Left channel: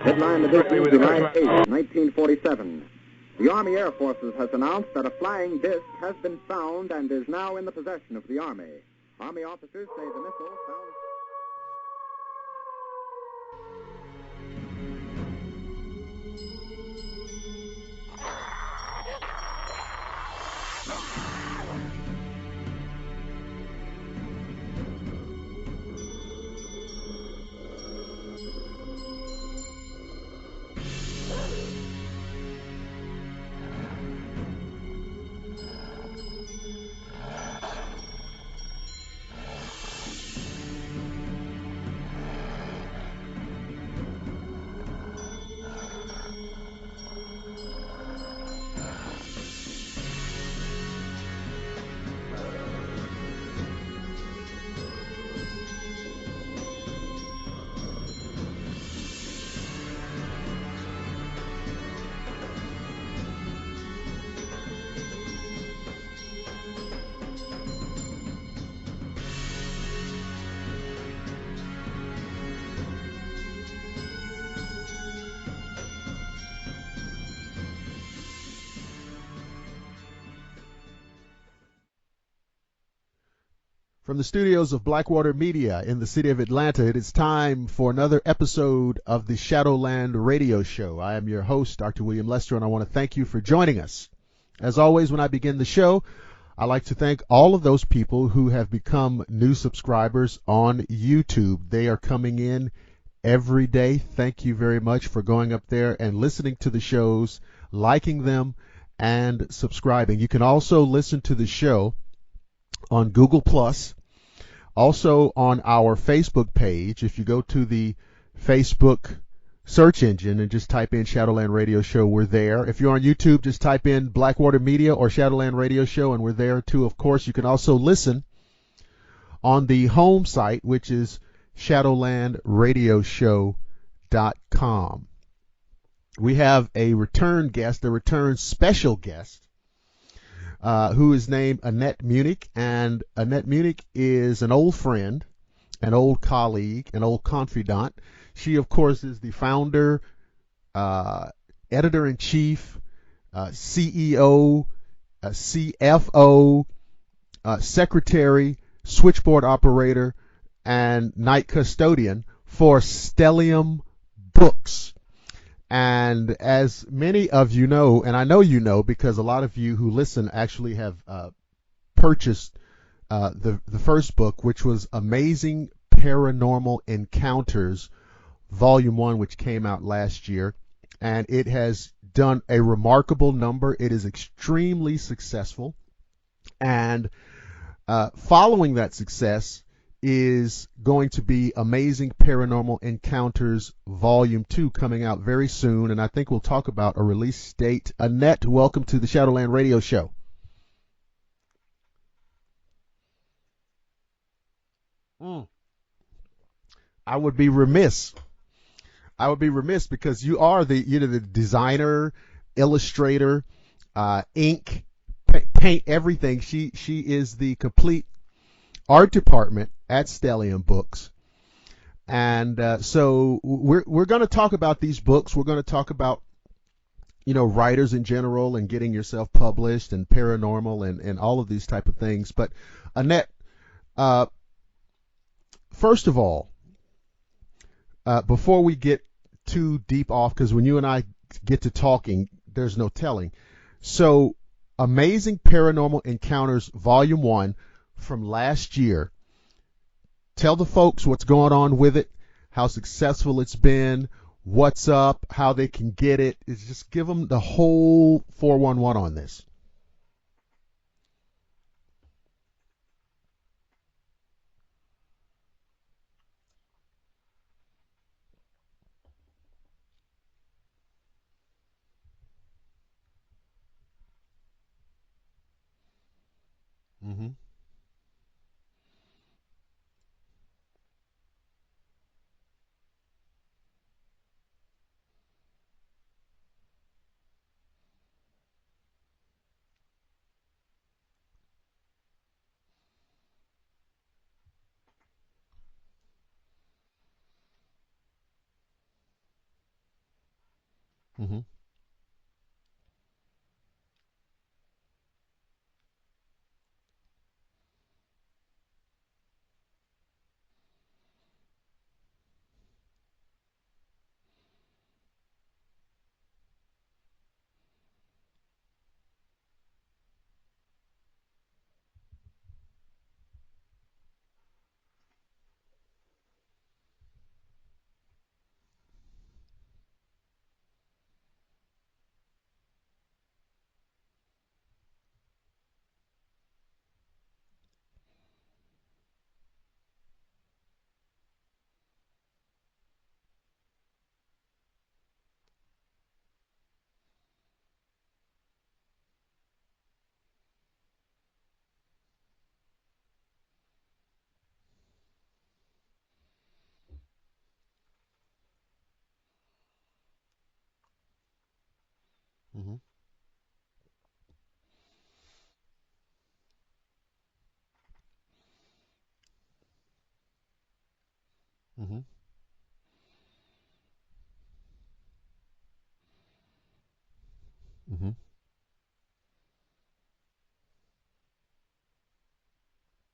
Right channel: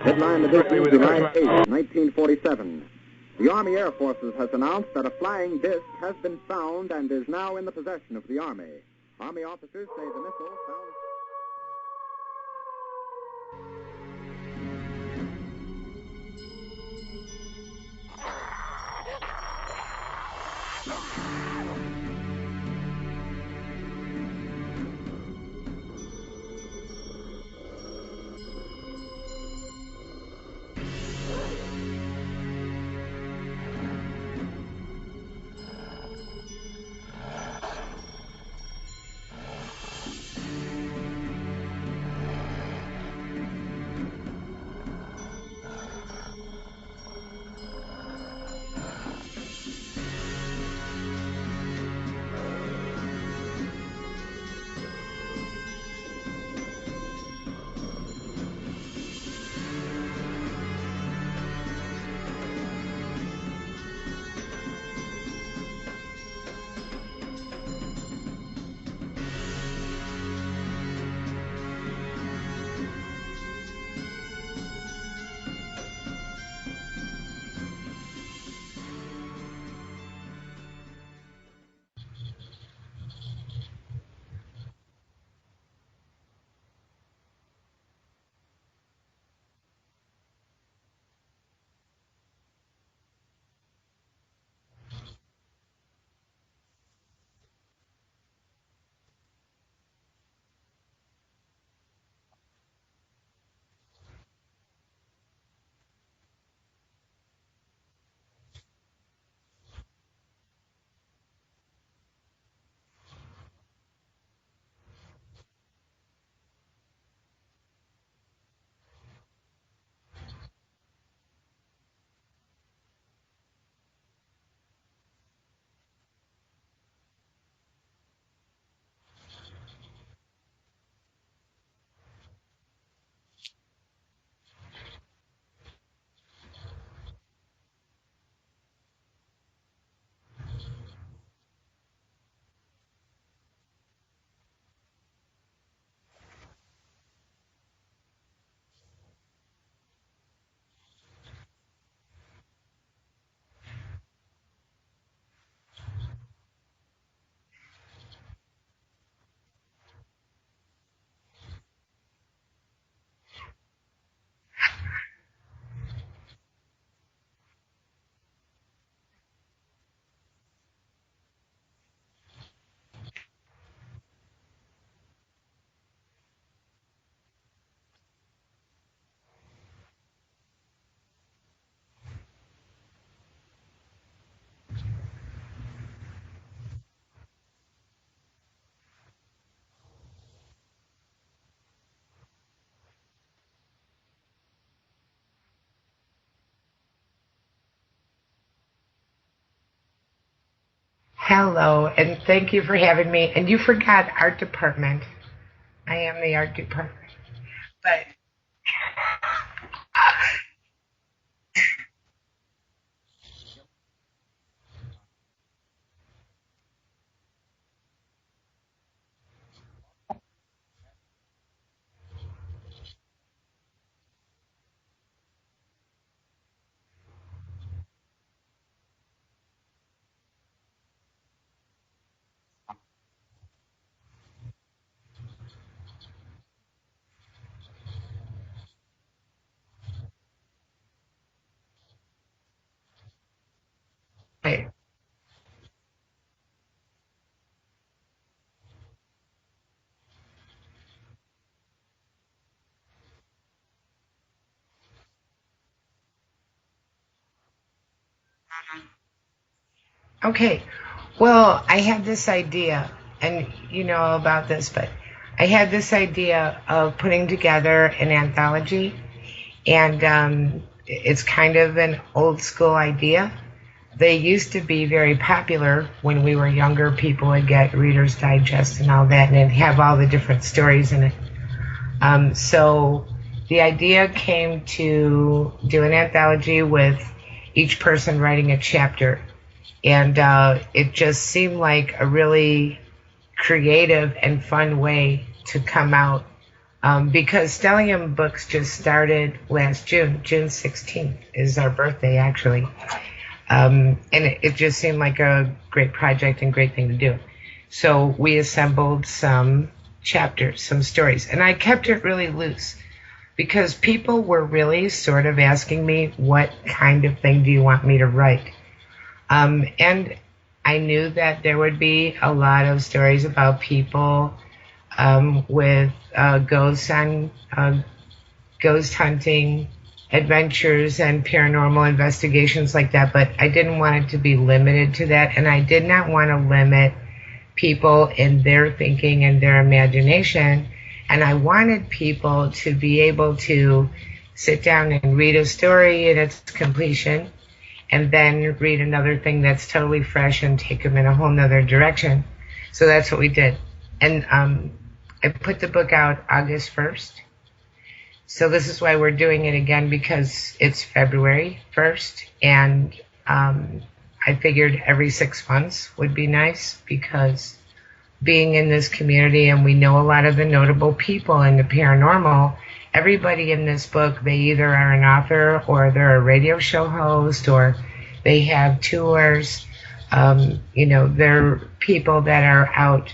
Headline edition, July 8, 1947. The Army Air Forces has announced that a flying disc has been found and is now in the possession of the Army. Army officers say the missile found... From the studios of Blackwater Media in the city of Atlanta, it is time for another episode of the Shadowland Radio Show. I am your host, Dr. William Lester, and I want to thank you for joining us. As always, when I begin the show, I like to thank all of those people who have become new subscribers on YouTube. They are coming in every day. Thank you very much for going up there and listening to the shows, liking them, and subscribing. You can also listen to the show on Google+, also on our Facebook page. If you go to the Facebook search engine and just type in Shadowland Radio Show, we're there. If you're on YouTube, just type in Blackwater Media or Shadowland Radio Show, and we're there too. Of course, you can also listen on the home site, which is shadowlandradioshow.com. We have a return guest, a return special guest, who is named Annette Munnich, and Annette Munnich is an old friend, an old colleague, an old confidant. She, of course, is the founder, editor-in-chief, CEO, CFO, secretary, switchboard operator, and night custodian for Stellium Books. And as many of you know, and I know you know because a lot of you who listen actually have purchased the first book, which was Amazing Paranormal Encounters, Volume 1, which came out last year. And it has done a remarkable number. It is extremely successful. And following that success is going to be Amazing Paranormal Encounters Volume 2 coming out very soon, and I think we'll talk about a release date. Annette, welcome to the Shadowland Radio Show. Hello, and thank you for having me. And you forgot art department. I am the art department. I would be remiss. Because you are the designer, illustrator, ink, paint, everything. She is the complete art department at Stellium Books. And so we're going to talk about these books. We're going to talk about, writers in general and getting yourself published and paranormal and all of these type of things. But Annette, first of all, before we get too deep off, because when you and I get to talking, there's no telling. So Amazing Paranormal Encounters Volume 1 from last year. Tell the folks what's going on with it, how successful it's been, what's up, how they can get it. Just give them the whole 411 on this. Okay. Well, I had this idea, and you know about this, but I had this idea of putting together an anthology, and it's kind of an old school idea. They used to be very popular when we were younger. People would get Reader's Digest and all that, and it'd have all the different stories in it. So the idea came to do an anthology with each person writing a chapter. And it just seemed like a really creative and fun way to come out because Stellium Books just started last June. June 16th is our birthday, actually. And it just seemed like a great project and great thing to do. So we assembled some chapters, some stories, and I kept it really loose because people were really sort of asking me, what kind of thing do you want me to write? And I knew that there would be a lot of stories about people with ghosts and ghost hunting adventures and paranormal investigations like that, but I didn't want it to be limited to that, and I did not want to limit people in their thinking and their imagination, and I wanted people to be able to sit down and read a story in its completion and then read another thing that's totally fresh and take them in a whole nother direction. So that's what we did. And I put the book out August 1st. So this is why we're doing it again, because it's February 1st, and I figured every 6 months would be nice, because being in this community and we know a lot of the notable people in the paranormal, everybody in this book, they either are an author or they're a radio show host or they have tours. They're people that are out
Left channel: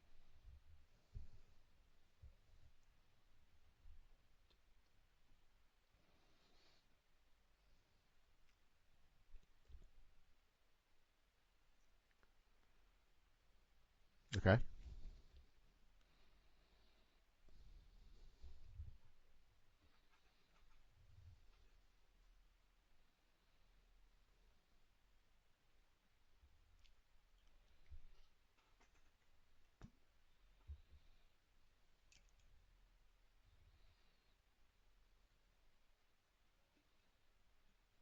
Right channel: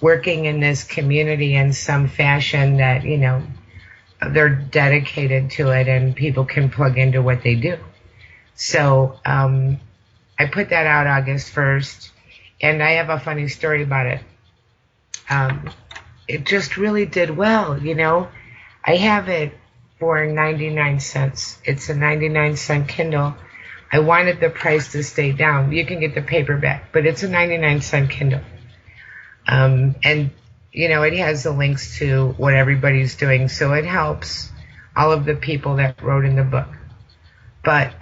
working in this community in some fashion that, they're dedicated to it and people can plug into what they do. So I put that out August 1st, and I have a funny story about it. Okay. It just really did well, I have it for 99 cents. It's a 99-cent Kindle. I wanted the price to stay down. You can get the paperback, but it's a 99-cent Kindle. And, it has the links to what everybody's doing, so it helps all of the people that wrote in the book. But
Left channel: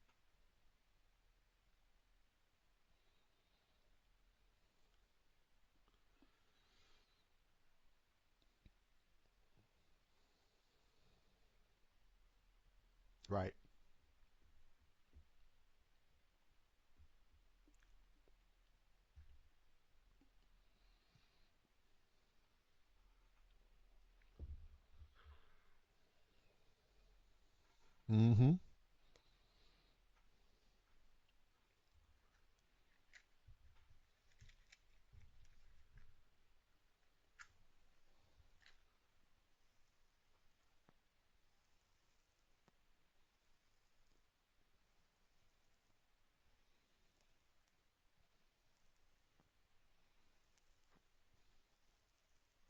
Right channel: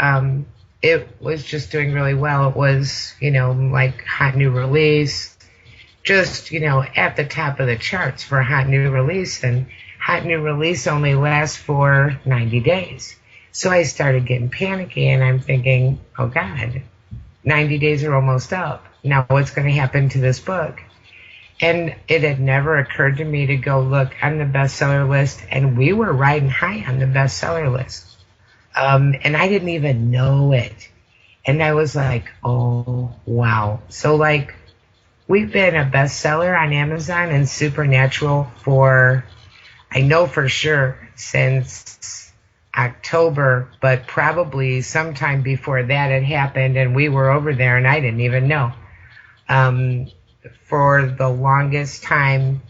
it was just doing really well. It was, like hot new release, just, at the top of the charts for hot new release. And hot new release only lasts for 90 days. Right. So I started getting panicky, and I'm thinking, oh, God, 90 days are almost up. Now what's going to happen to this book? And it had never occurred to me to go look on the bestseller list, and we were riding high on the bestseller list. And I didn't even know it. And I was like, oh, wow. So, we've been a bestseller on Amazon and Supernatural for, I know for sure, since October, but probably sometime before that had happened, and we were over there, and I didn't even know. For the longest time,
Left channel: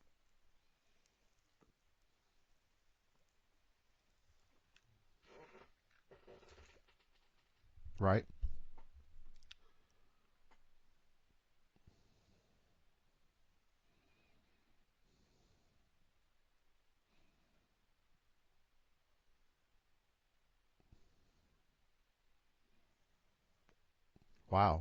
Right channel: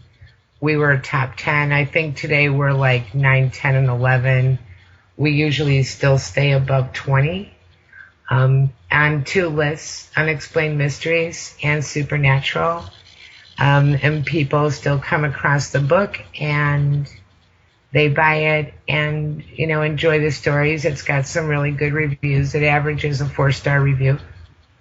we were top 10. I think today we're 9, 10, and 11. We usually still stay above 20. Right. On two lists, Unexplained Mysteries and Supernatural. And people still come across the book and they buy it and, enjoy the stories. It's got some really good reviews. It averages a 4-star review. Wow.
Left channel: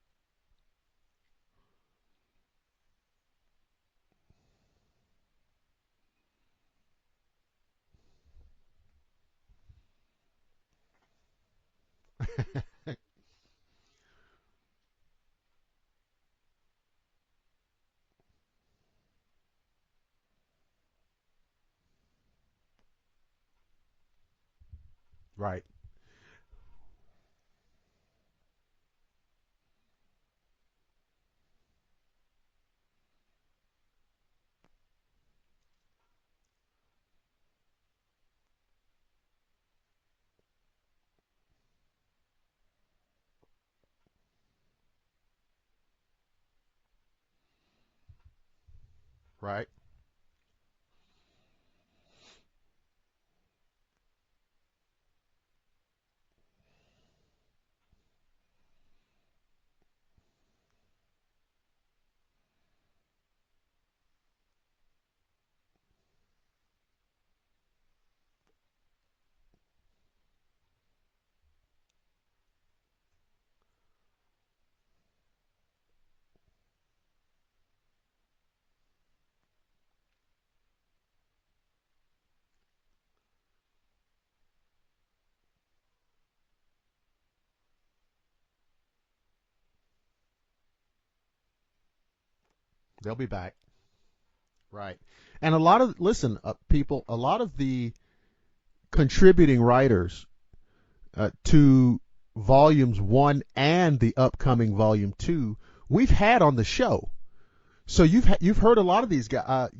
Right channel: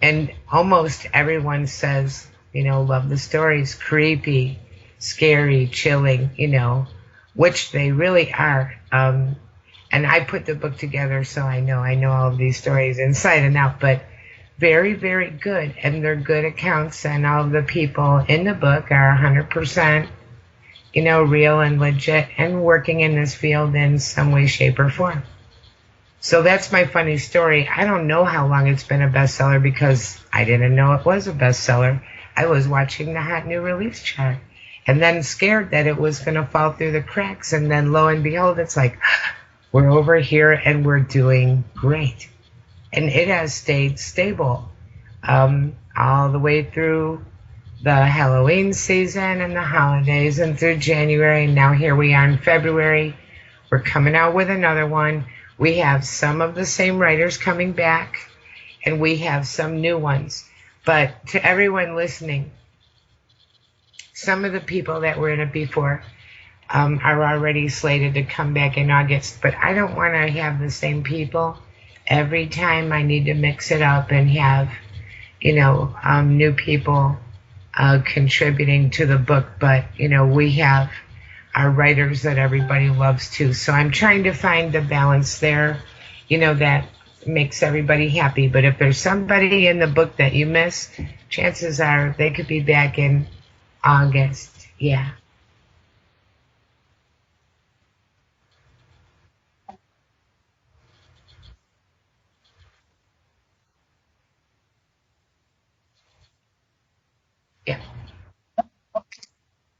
And almost everyone says, love the stories, creepy, scary, chilling, which they really are. And I put the book together, so I know all of these stories inside and out, but very, very good. And they're good accounts, and all of the people in the book are 100%, real and legit and working in this field in some way, shape, or form. Right. So that's my funny story. I don't know how long it's been a bestseller because I didn't know it was a bestseller. I was watching the hot new release chart and then scared that it was going to fall through the cracks. And then lo and behold, it's like, we're over here and we're doing great. And it has stayed stable all the way through the Halloween season and the holidays and through January. And now here we are in February. We're coming out with another one. We have some of the same writers coming back, and we have some new ones. But to everyone listening, some of the people that were in it before are already slated to come back in August. But I don't want to have the same people every time. I need to mix it up and have, new people contributing to the book. But, we have our writers that everybody loves too. So I'm trying to find the balance there, that makes everybody happy. But if there's somebody in the book that you miss, chances are they could be back in August. Right. Yeah. And a lot of, listen, people, a lot of the contributing writers to volumes 1 and the upcoming volume 2, we've had on the show. Yeah. So you've heard a lot of these guys.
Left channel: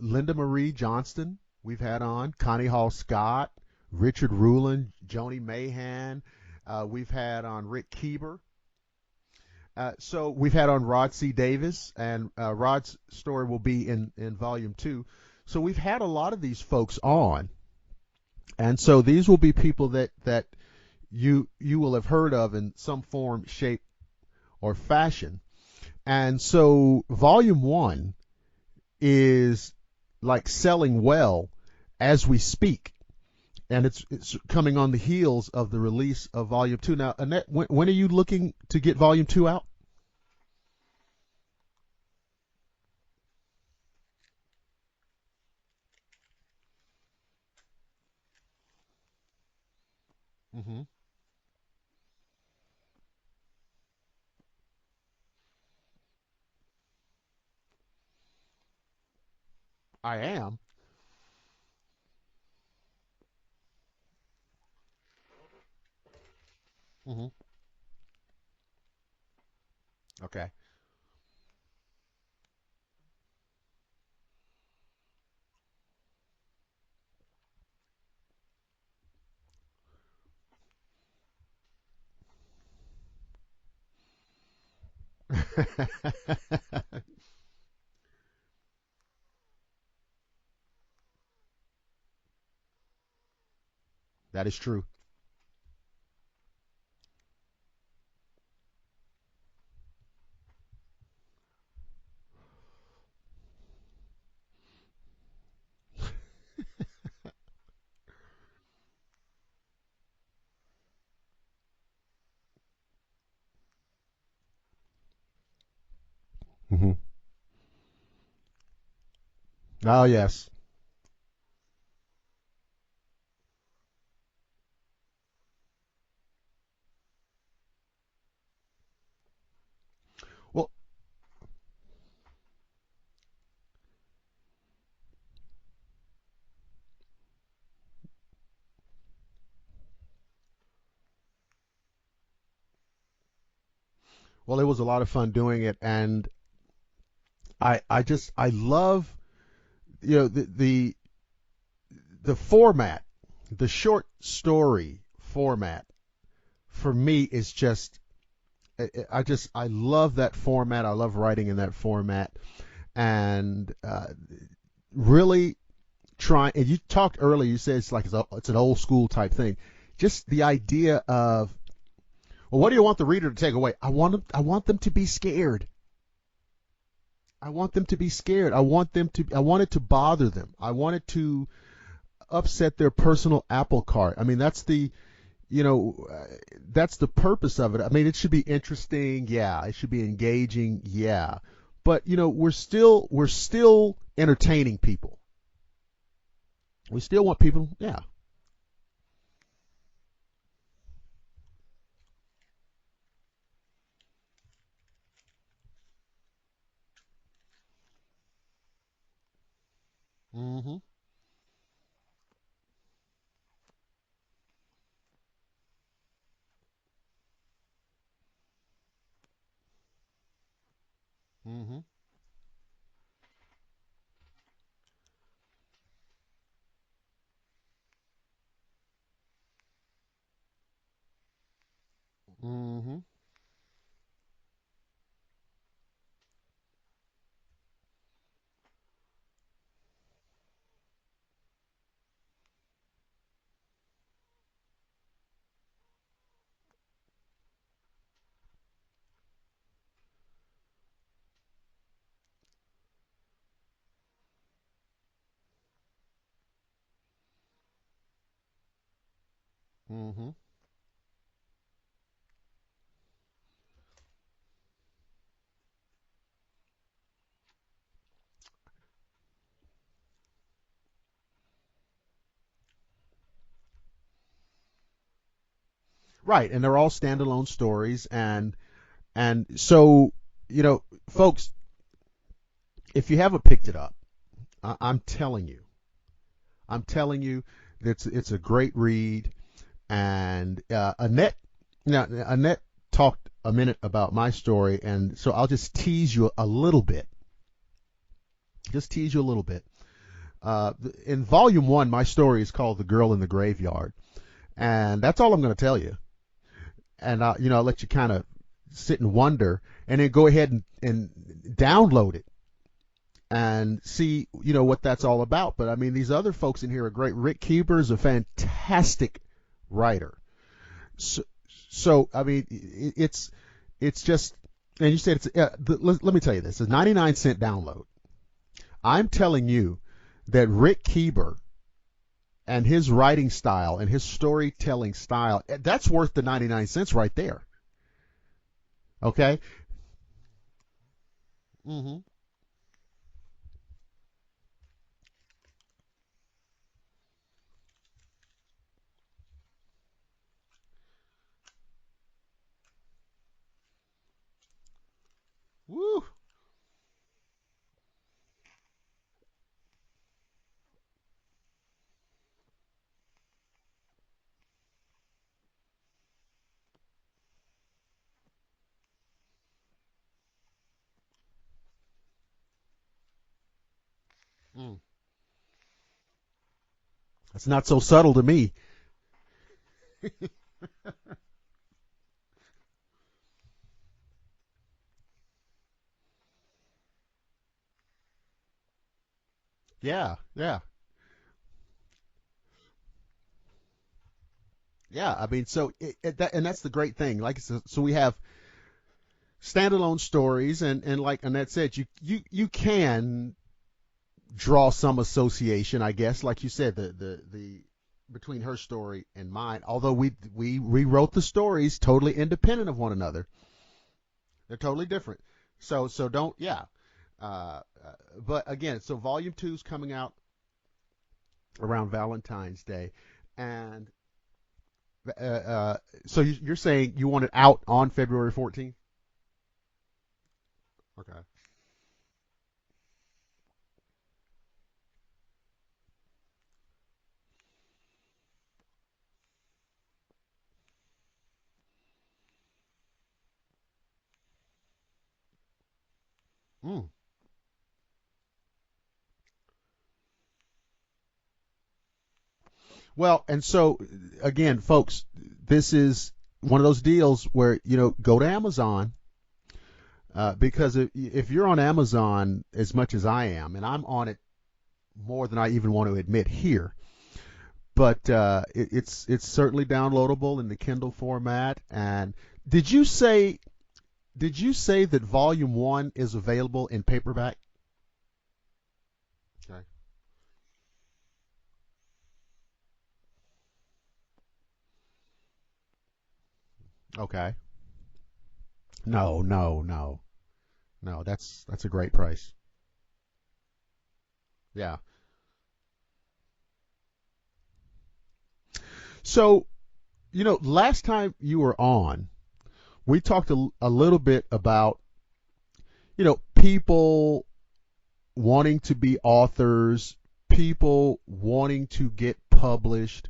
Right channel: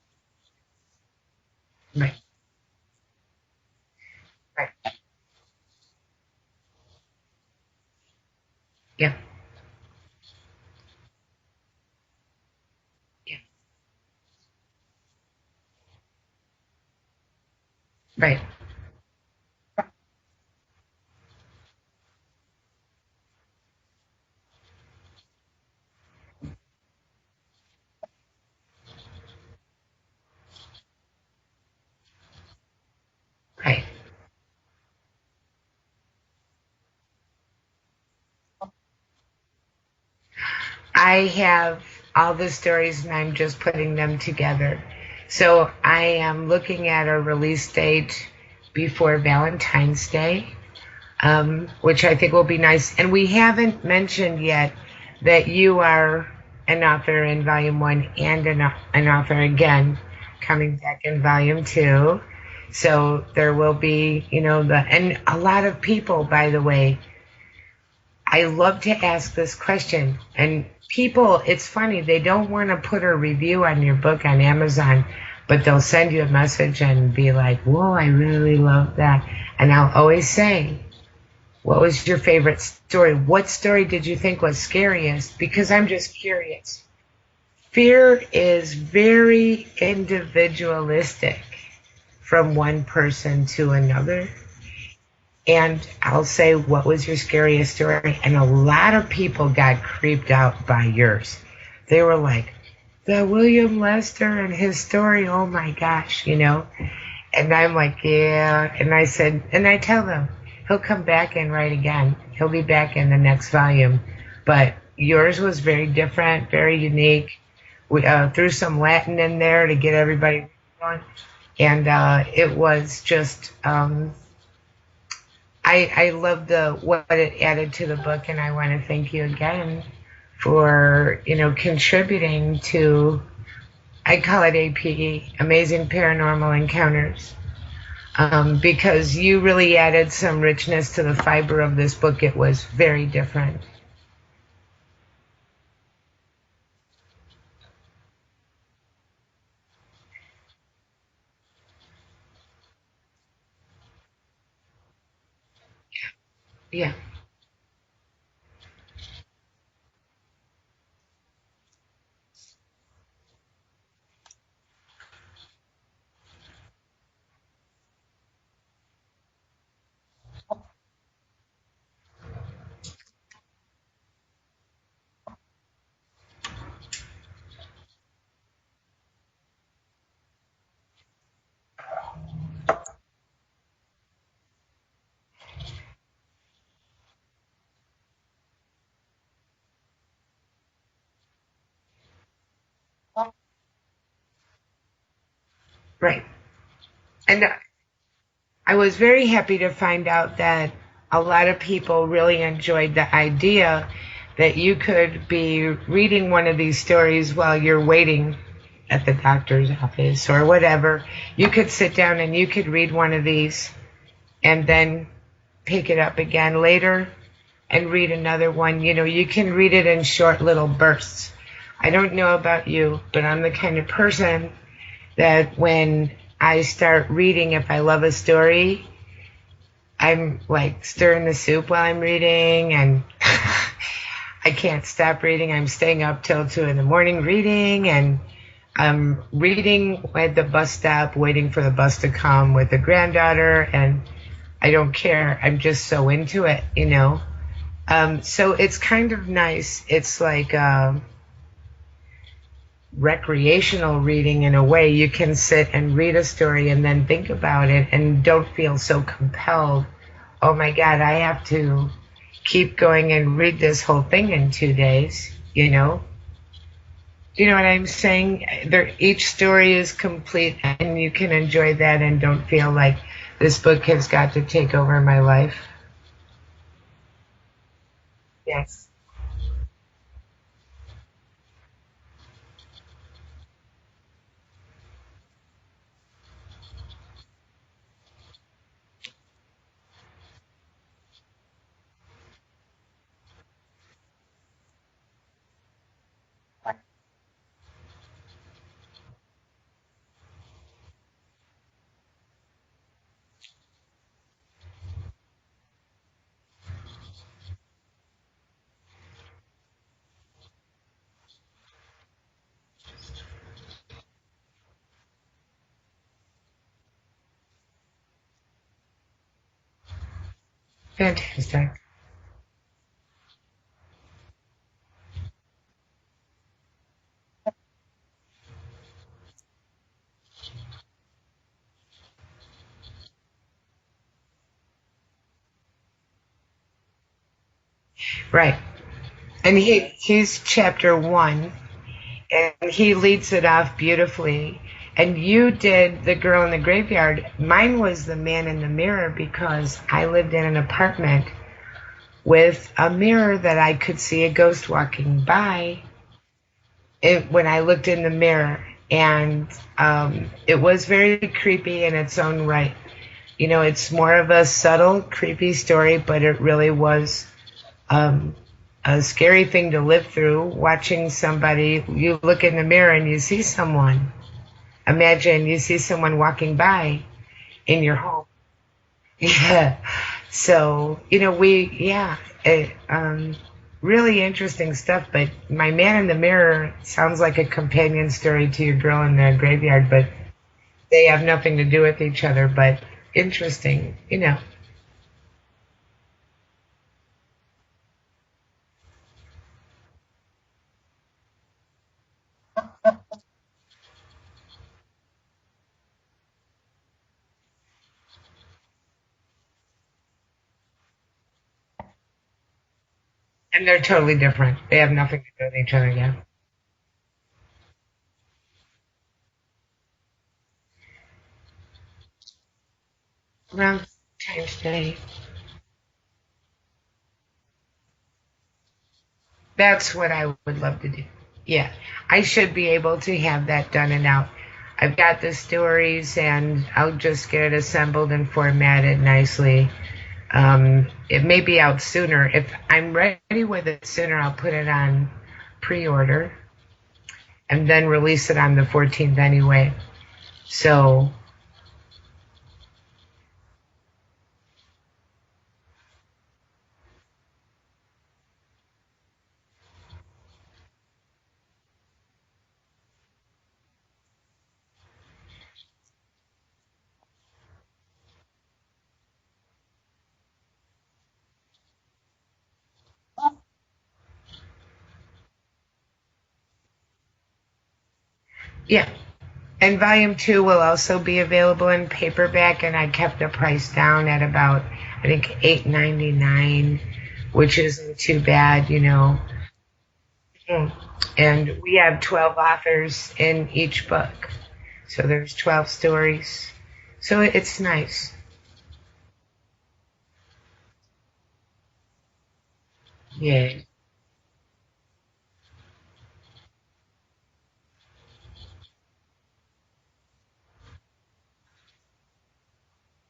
Linda Marie Johnston, we've had Right. on. Connie Hall Scott, Richard Ruland, Right. Joni Mahan. We've had on Rick Keeber. Yeah. So we've had on Rod C. Davis, and Rod's story will be in volume 2. So we've had a lot of these folks on. Right. And so these will be people that you will have heard of in some form, shape, or fashion. And so volume 1 is like selling well as we speak. Right. And it's coming on the heels of the release of volume 2. Now, Annette, when are you looking to get volume 2 out? I have all the stories and I'm just putting them together. So I am looking at a release date before Valentine's Day, which I think will be nice. And we haven't mentioned yet that you are an author in volume 1 and an author again. I am. Coming back in volume 2. So there will be, and a lot of people, by the way, I love to ask this question. Okay. And people, it's funny, they don't want to put a review on your book on Amazon, but they'll send you a message and be like, whoa, I really love that. And I'll always say, what was your favorite story? What story did you think was scariest? Because I'm just curious. Fear is very individualistic from one person to another. That is true. And I'll say, what was your scariest story? And a lot of people got creeped out by yours. They were like, the William Lester and his story, oh my gosh, And I'm like, yeah. And I said, and I tell them, he'll come back and write again. He'll be back in the next volume. But yours was very different, very unique. We threw some Latin in there to get everybody going. And it was just, I love what it added to the book, and I want to thank you again for, contributing to, I call it APE, Amazing Paranormal Encounters, because you really added some richness to the fiber of this book. It was very different. Well, it was a lot of fun doing it, and I love, the format, the short story format. Yeah. For me is just, I love that format. I love writing in that format, and really trying. And you talked earlier. You said it's an old school type thing. Just the idea of, well, what do you want the reader to take away? I want them to be scared. I want them to be scared. I want it to bother them. I want it to upset their personal apple cart. I mean, that's the purpose of it. I mean, it should be interesting, yeah. It should be engaging, yeah. But we're still entertaining people. Right. We still want people, yeah. I was very happy to find out that a lot of people really enjoyed the idea that you could be reading one of these stories while you're waiting at the doctor's office or whatever. You could sit down and you could read one of these and then pick it up again later and read another one. You can read it in short little bursts. I don't know about you, but I'm the kind of person that when I start reading, if I love a story, I'm like stirring the soup while I'm reading, and I can't stop reading. I'm staying up till 2 a.m. reading, and I'm reading at the bus stop, waiting for the bus to come with the granddaughter, and I don't care. I'm just so into it, So it's kind of nice. It's like recreational reading in a way. You can sit and read a story and then think about it and don't feel so compelled. Oh my God, I have to keep going and read this whole thing in 2 days, Do you know what I'm saying? Each story is complete and you can enjoy that and don't feel like this book has got to take over my life. Right, and they're all standalone stories, and yes. And so, folks, if you haven't picked it up, I'm telling you, it's a great read. And Annette talked a minute about my story, and so I'll just tease you a little bit. In volume 1, my story is called "The Girl in the Graveyard," and that's all I'm going to tell you. And I'll let you kind of sit and wonder, and then go ahead and download it and see what that's all about. But I mean, these other folks in here are great. Rick Keeber is a fantastic writer. Fantastic. So I mean, it's just, and you said it's. Let me tell you this: it's a 99-cent download. I'm telling you that Rick Keeber and his writing style and his storytelling style, that's worth the 99 cents right there. Right. Okay. And he's chapter 1, Mm-hmm. and he leads it off beautifully. And you did The Girl in the Graveyard. Mine was The Man in the Mirror, because I lived in an apartment with a mirror that I could see a ghost walking by when I looked in the mirror. And it was very creepy in its own right. It's more of a subtle, creepy story, but it really was a scary thing to live through, watching somebody. You look in the mirror and you see someone. Imagine you see someone walking by. It's not so subtle to me. Yeah. So, really interesting stuff. But My Man in the Mirror sounds like a companion story to Your Girl in the Graveyard, but they have nothing to do with each other, but interesting, Yeah, I mean, so, and that's the great thing. Like I said, so we have standalone stories, and like Annette said, you can draw some association, I guess, like you said, the between her story and mine, although we rewrote the stories totally independent of one another. And they're totally different. They have nothing to do with each other. So don't, but again, so volume 2 is coming out around Valentine's Day. Around Valentine's Day. So you're saying you want it out on February 14th? That's what I would love to do. Yeah, I should be able to have that done and out. I've got the stories, and I'll just get it assembled and formatted nicely. It may be out sooner. If I'm ready with it sooner, I'll put it on pre-order and then release it on the 14th anyway. So. Well, and so, again, folks, this is one of those deals where, go to Amazon, because if you're on Amazon as much as I am, and I'm on it more than I even want to admit here, but it's certainly downloadable in the Kindle format. And did you say that volume 1 is available in paperback? Yeah. And volume 2 will also be available in paperback, and I kept the price down at about, I think, $8.99. Okay. Which isn't too bad, No. No, And we have 12 authors in each book. Yeah. So there's 12 stories. So it's nice. So, last time you were on, we talked a little bit about, people wanting to be authors, people wanting to get published.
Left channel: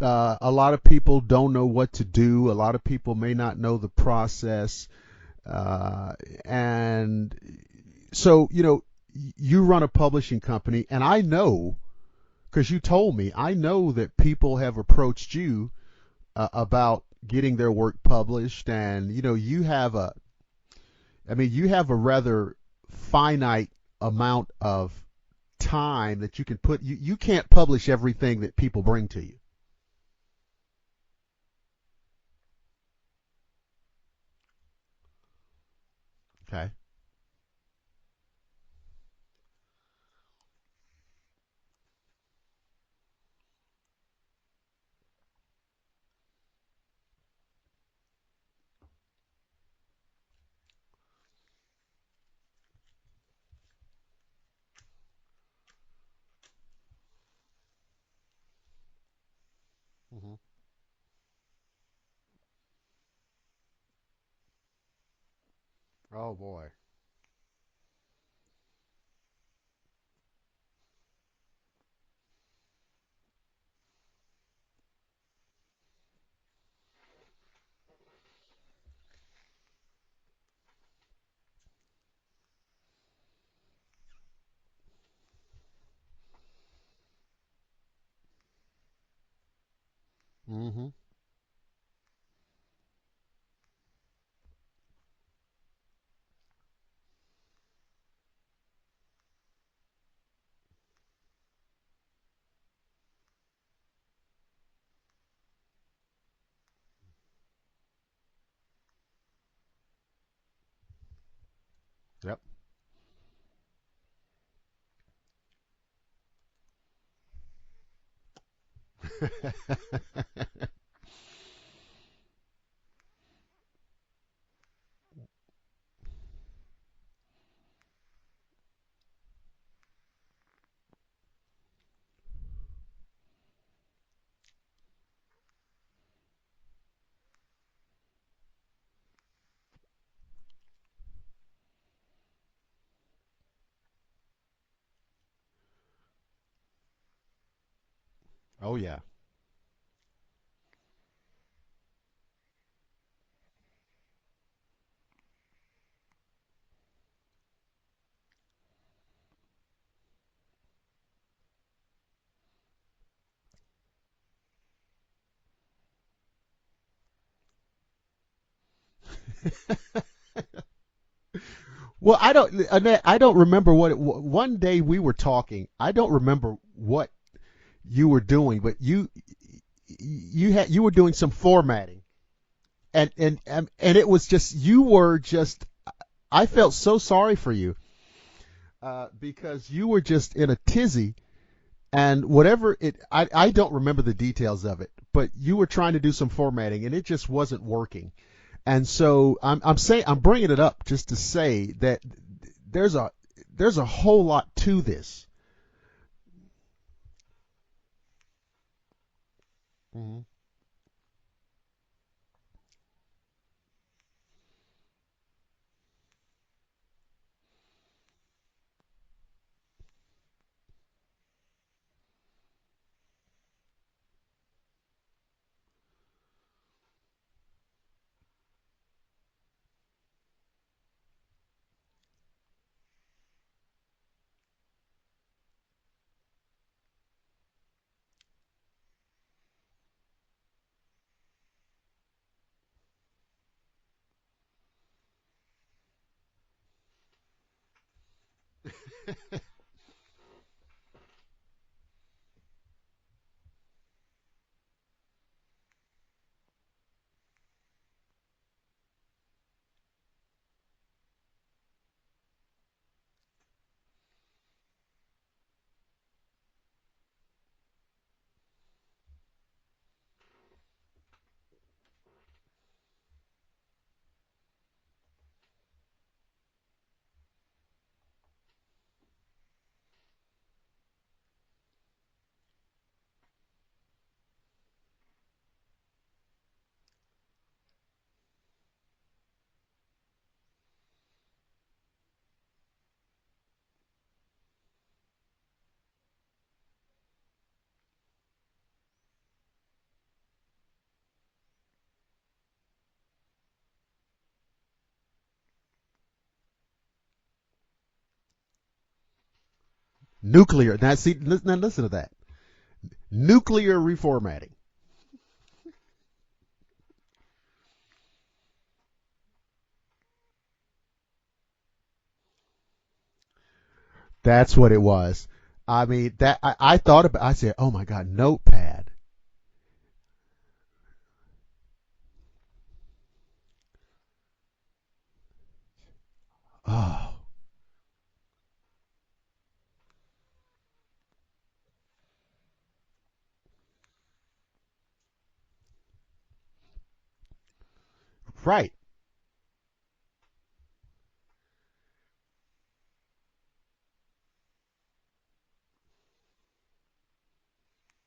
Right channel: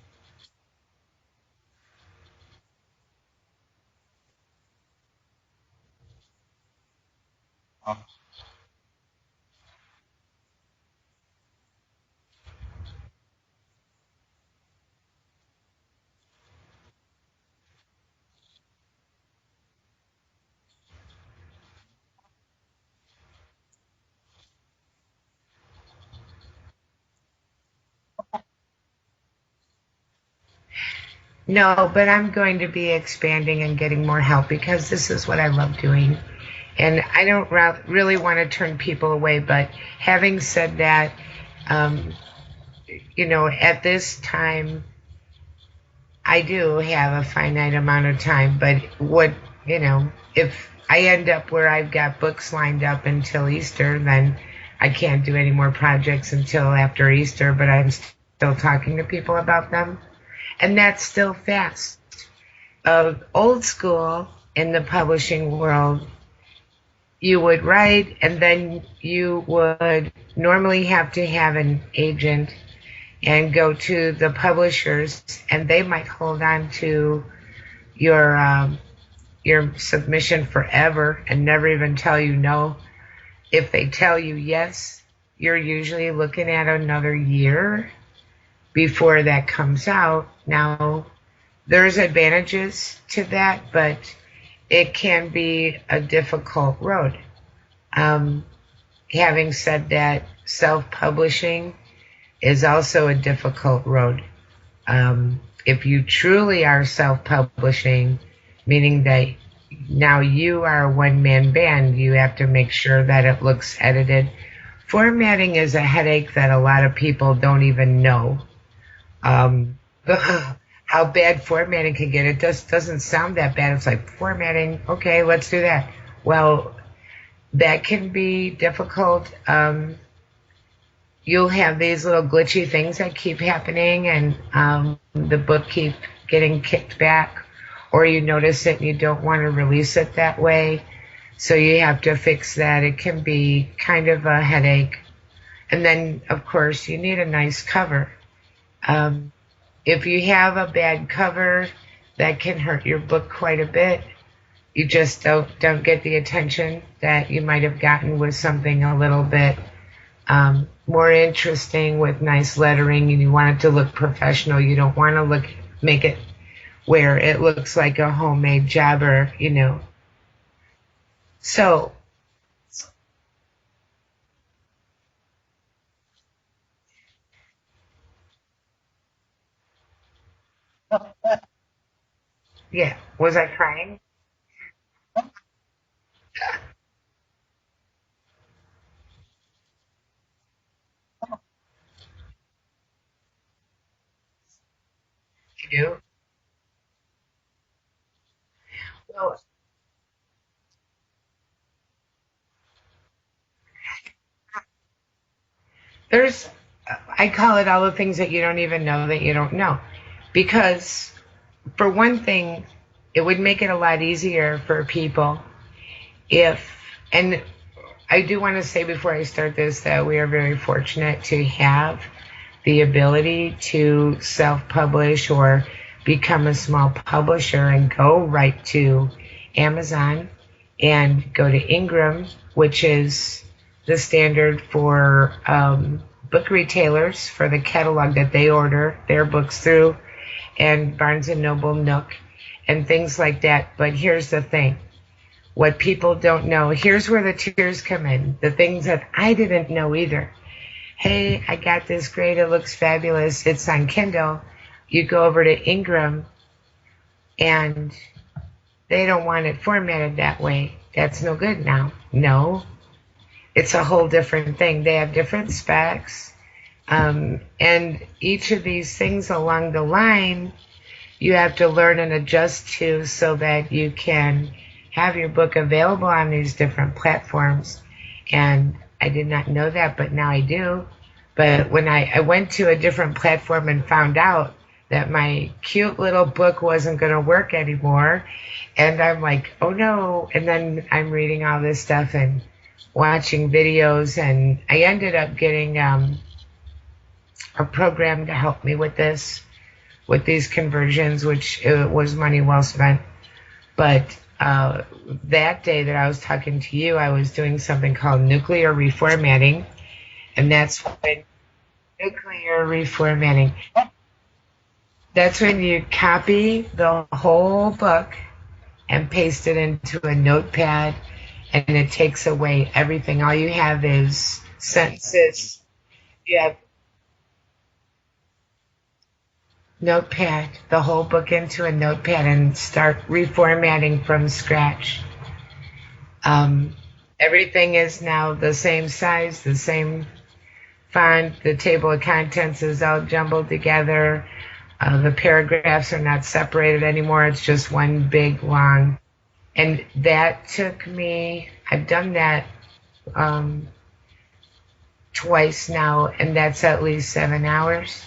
A lot of people don't know what to do. A lot of people may not know the process. And so, you run a publishing company, and I know, because you told me, I know that people have approached you about getting their work published, and you have a rather finite amount of time that you can put. You can't publish everything that people bring to you. No, but I'm going to be expanding and getting more help, because this is what I love doing. Okay. And I don't really want to turn people away. But having said that, at this time, I do have a finite amount of time. But if I end up where I've got books lined up until Easter, then I can't do any more projects until after Easter, but I'm still talking to people about them. And that's still fast. Old school in the publishing world. Oh, boy. you would write, and then you would normally have to have an agent and go to the publishers, and they might hold on to your submission forever and never even tell you no. If they tell you yes, you're usually looking at another year before that comes out. Now, there's advantages to that, but it can be a difficult road. Having said that, self-publishing is also a difficult road. If you truly are self-publishing, meaning that now you are a one-man band, you have to make sure that it looks edited. Formatting is a headache that a lot of people don't even know. How bad formatting can get. It just doesn't sound that bad. It's like, formatting, okay, let's do that. Well, that can be difficult. You'll have these little glitchy things that keep happening, and the book keep getting kicked back, or you notice it and you don't want to release it that way, so you have to fix that. It can be kind of a headache. And then, of course, you need a nice cover. Oh, yeah. If you have a bad cover, that can hurt your book quite a bit. You just don't get the attention that you might have gotten with something a little bit more interesting with nice lettering, and you want it to look professional. You don't want to make it where it looks like a homemade jobber, So, well, Annette, I don't remember one day we were talking. I don't remember what you were doing, but you were doing some formatting. Yeah. And I crying? And it was just, I felt so sorry for you because you were just in a tizzy, and whatever I don't remember the details of it, but you were trying to do some formatting and it just wasn't working. And so I'm bringing it up just to say that there's a whole lot to this. I call it all the things that you don't even know that you don't know. Because for one thing, it would make it a lot easier for people and I do want to say before I start this that we are very fortunate to have the ability to self-publish or become a small publisher and go right to Amazon and go to Ingram, which is the standard for book retailers for the catalog that they order their books through, and Barnes & Noble, Nook, and things like that. But here's the thing. What people don't know, here's where the tears come in, the things that I didn't know either. Hey, I got this great, it looks fabulous, it's on Kindle. You go over to Ingram, and they don't want it formatted that way. That's no good now. No, it's a whole different thing. They have different specs. And each of these things along the line, you have to learn and adjust to so that you can have your book available on these different platforms. And I did not know that, but now I do. But when I went to a different platform and found out that my cute little book wasn't going to work anymore, and I'm like, oh no. And then I'm reading all this stuff and watching videos, and I ended up getting a program to help me with these conversions, which was money well spent. But that day that I was talking to you, I was doing something called nuclear reformatting. Nuclear. Listen to that. Nuclear reformatting. Nuclear reformatting. That's when you copy the whole book and paste it into a notepad, and it takes away everything. All you have is That's what sentences. It was. I mean, I thought about. I said, "Oh my God, notepad." Notepad, the whole book into a notepad and start reformatting from scratch. Everything is now the same size, the same font. The table of contents is all jumbled together. The paragraphs are not separated anymore. It's just one big long. And that took me, I've done that twice now, and that's at least 7 hours.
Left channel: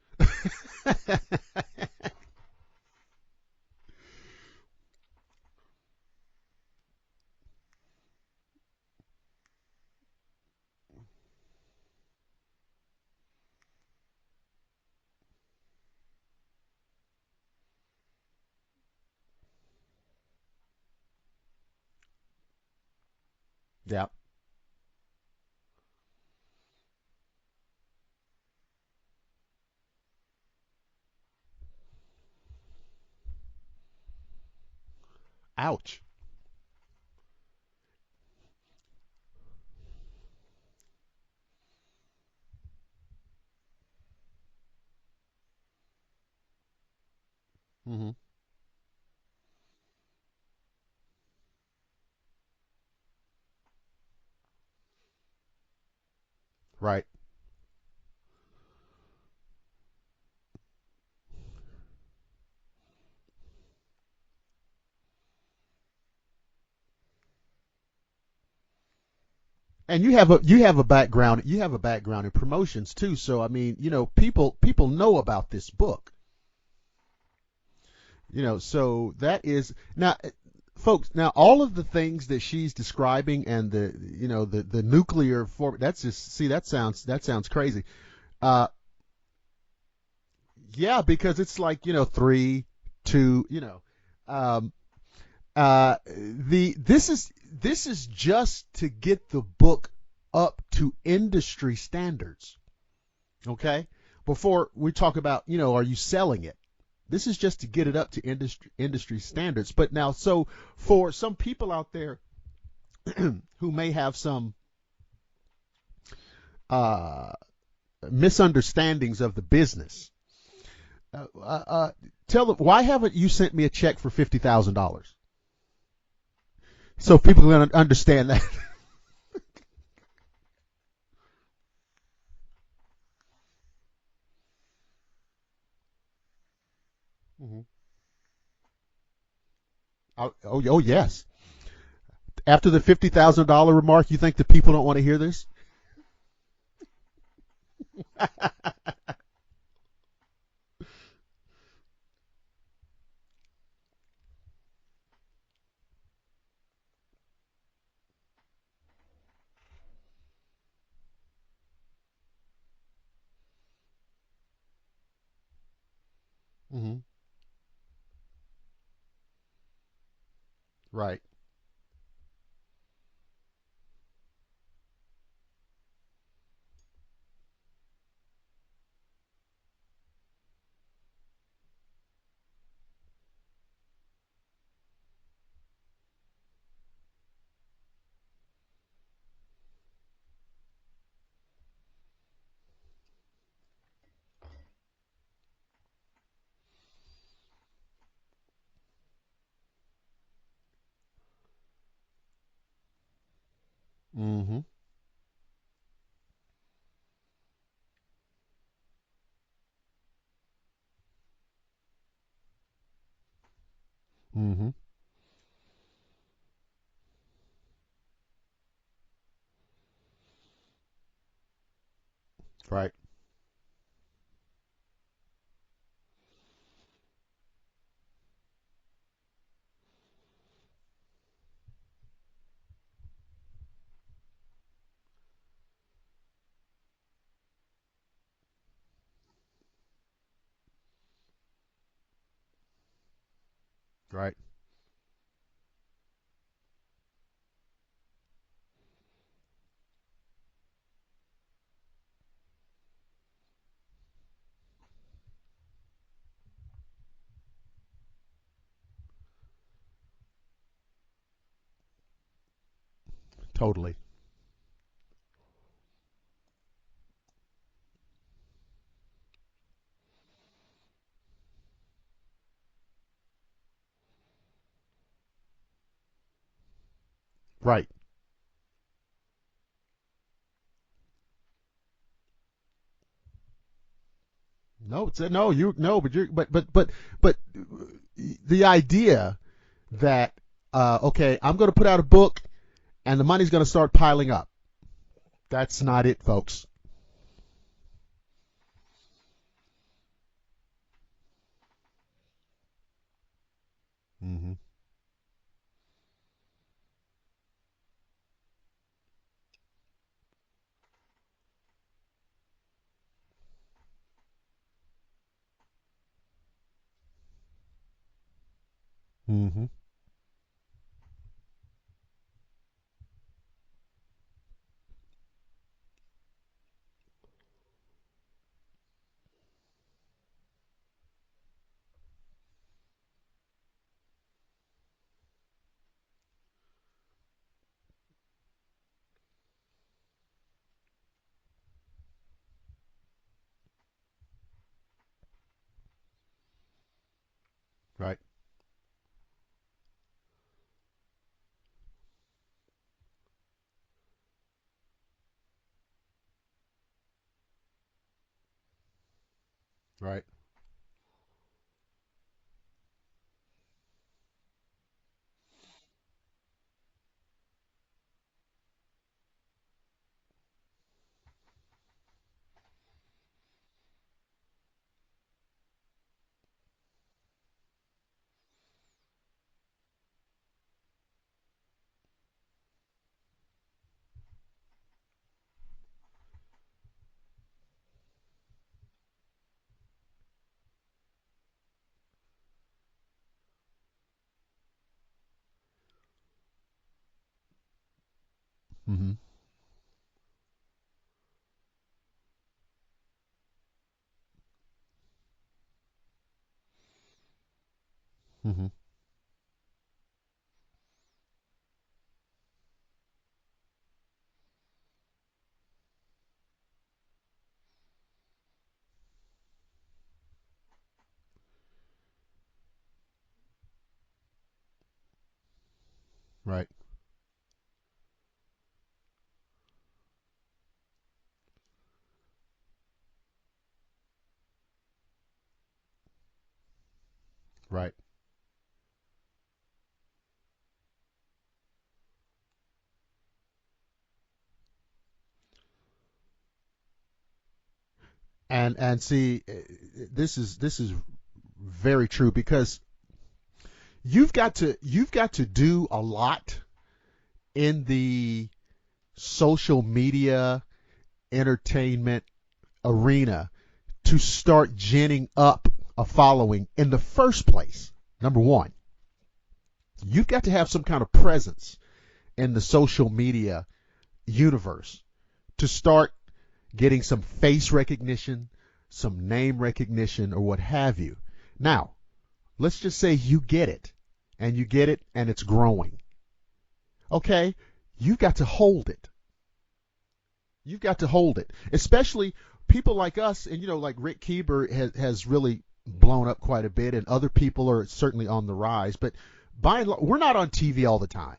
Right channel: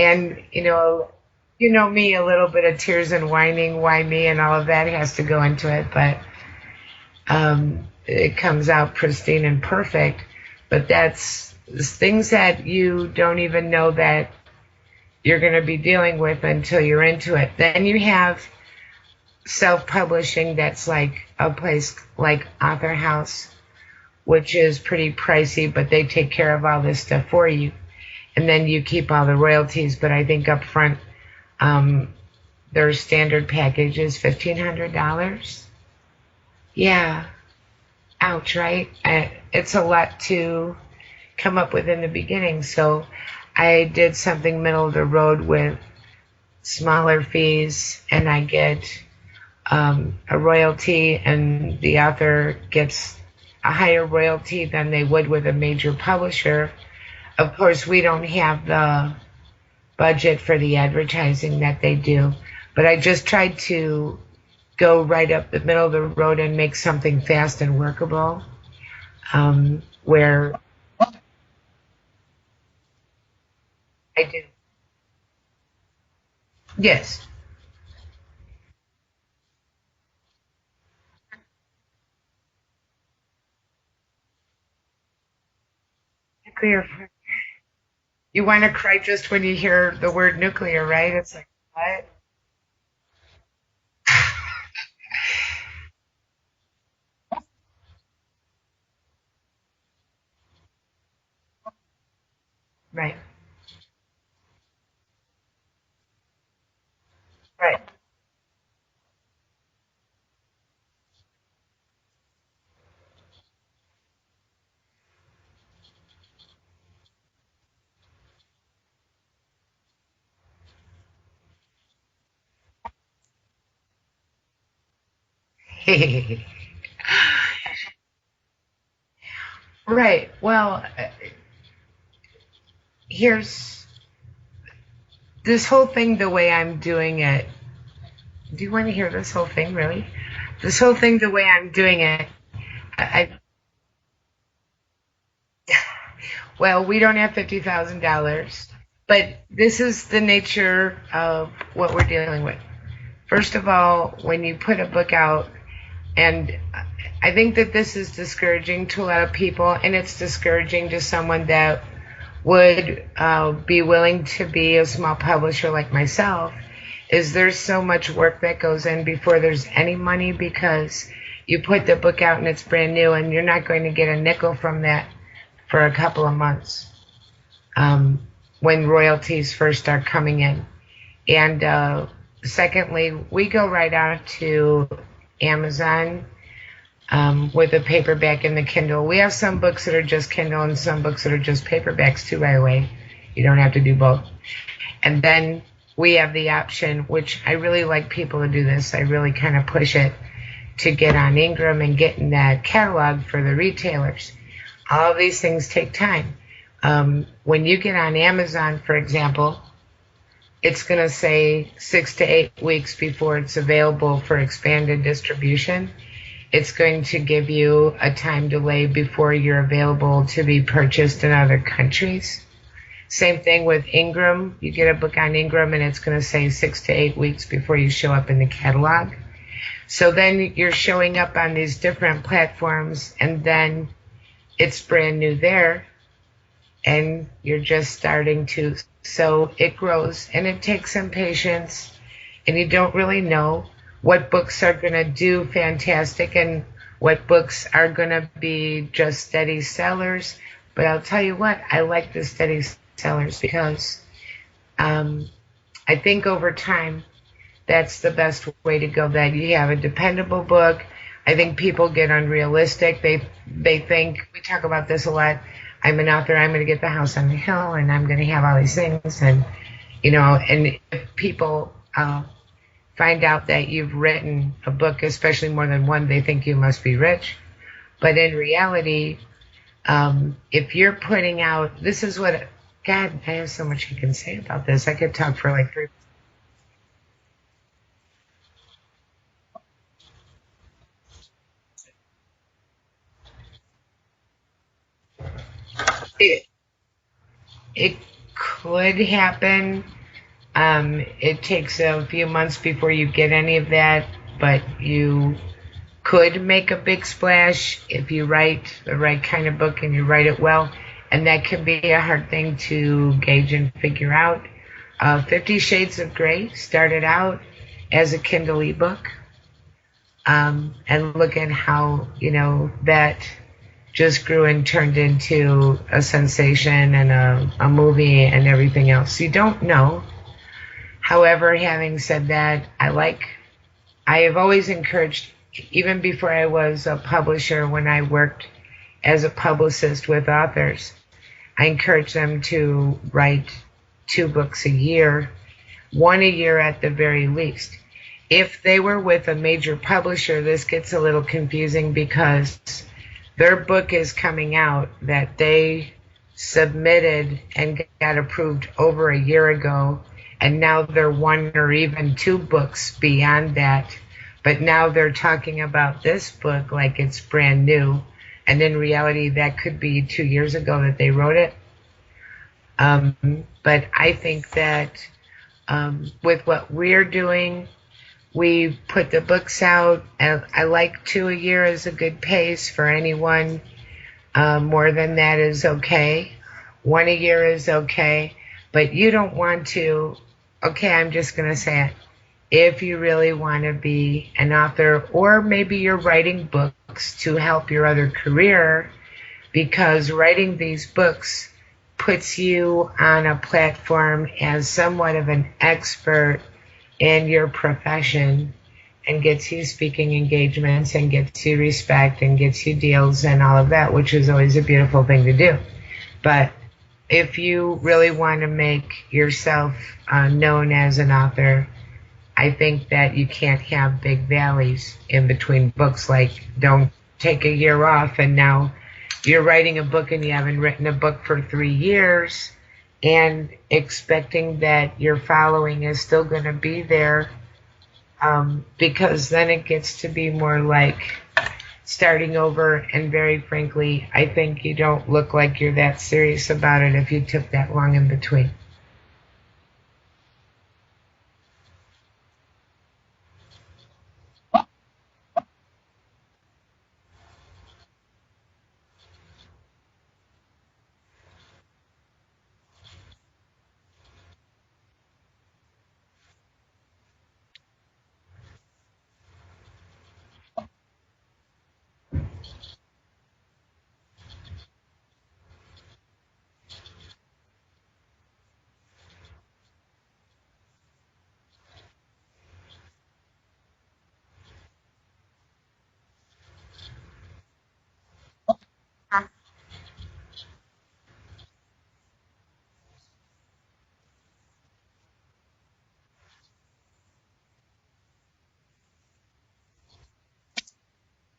And, you know me, a little bit of tears and whining, why me, and all of that has to go into it. But it comes out pristine and perfect. But that's things that you don't even know that you're going to be dealing with until you're into it. Then you have self-publishing that's like a place like Author House, Yeah. which is pretty pricey, but they take care of all this stuff for you. And then you keep all the royalties. But I think up front, their standard package is $1,500. Ouch. Yeah. Ouch, right? It's a lot to come up with in the beginning. So I did something middle of the road with smaller fees, and I get a royalty, and the author gets a higher royalty than they would with a major publisher. Right. Of course, we don't have the budget for the advertising that they do, but I just tried to go right up the middle of the road and make something fast and workable. And you have a background in promotions too, so I mean, people know about this book. Yes. So that is now, folks. Now, all of the things that she's describing and the nuclear form. That's just that sounds crazy. You want to cry just when you hear the word nuclear, yeah, right? Yeah, because it's like 3, 2. This is just to get the book up to industry standards. Right. Okay. Before we talk about, are you selling it? This is just to get it up to industry standards. But now, so for some people out there who may have some misunderstandings of the business, tell them, why haven't you sent me a check for $50,000? So people don't understand that. Right. Well, here's this whole thing, the way I'm doing it. Do you want to hear this whole thing, really? This whole thing, the way I'm doing it. After the $50,000 remark, you think the people don't want to hear this? Well, we don't have $50,000, but this is the nature of what we're dealing with. First of all, when you put a book out, and I think that this is discouraging to a lot of people, and it's discouraging to someone that would be willing to be a small publisher like myself, is there's so much work that goes in before there's any money, because you put the book out and it's brand new, and you're not going to get a nickel from that for a couple of months when royalties first start coming in. And secondly, we go right out to Amazon with the paperback and the Kindle. We have some books that are just Kindle and some books that are just paperbacks too, by the way. You don't have to do both. And then we have the option, which I really like people to do this. I really kind of push it to get on Ingram and get in that catalog for the retailers. All of these things take time. When you get on Amazon, for example, it's going to say 6 to 8 weeks before it's available for expanded distribution. It's going to give you a time delay before you're available to be purchased in other countries. Right. Same thing with Ingram. You get a book on Ingram and it's going to say 6 to 8 weeks before you show up in the catalog. So then you're showing up on these different platforms, and then it's brand new there, and you're just starting to. So it grows, and it takes some patience, and you don't really know what books are going to do fantastic and what books are going to be just steady sellers. But I'll tell you what, I like the steady sellers because I think over time, that's the best way to go, that you have a dependable book. I think people get unrealistic. They think, we talk about this a lot, I'm an author, I'm going to get the house on the hill, and I'm going to have all these things. And, and if people find out that you've written a book, especially more than one, they think you must be rich. Right. But in reality, if you're putting out, this is what, God, I have so much you can say about this. I could talk for like 3 but the idea that okay, I'm going to put out a book and the money's going to start piling up. That's not it, folks. It could happen. It takes a few months before you get any of that, but you could make a big splash if you write the right kind of book and you write it well. And that can be a hard thing to gauge and figure out. 50 Shades of Grey started out as a Kindle ebook. Mm-hmm. And look at how, that just grew and turned into a sensation and a movie and everything else. You don't know. However, having said that, I have always encouraged, even before I was a publisher, when I worked as a publicist with authors, I encouraged them to write 2 books a year, 1 a year at the very least. Right. If they were with a major publisher, this gets a little confusing because their book is coming out that they submitted and got approved over a year ago. Right. And now they're 1 or even 2 books beyond that. But now they're talking about this book like it's brand new. And in reality, that could be 2 years ago that they wrote it. But I think that with what we're doing, we put the books out. I like 2 a year is a good pace for anyone. More than that is okay. 1 a year is okay. But you don't want to, okay, I'm just going to say it. If you really want to be an author, or maybe you're writing books to help your other career, mm-hmm. because writing these books puts you on a platform as somewhat of an expert in your profession, mm-hmm. and gets you speaking engagements and gets you respect and gets you deals and all of that, which is always a beautiful thing to do. But if you really want to make yourself known as an author, I think that you can't have big valleys in between books. Like, right. Don't take a year off and now you're writing a book and you haven't written a book for 3 years and expecting that your following is still going to be there. Right. Because then it gets to be more like starting over. And very frankly, I think you don't look like you're that serious about it if you took that long in between. And see, this is very true, because you've got to do a lot in the social media entertainment arena to start ginning up a following in the first place. Number one, you've got to have some kind of presence in the social media universe to start getting some face recognition, some name recognition, or what have you. Now, let's just say you get it, and it's growing. Okay, you've got to hold it. You've got to hold it, especially people like us, and like Rick Keeber has really blown up quite a bit, and other people are certainly on the rise. But by and large, we're not on TV all the time,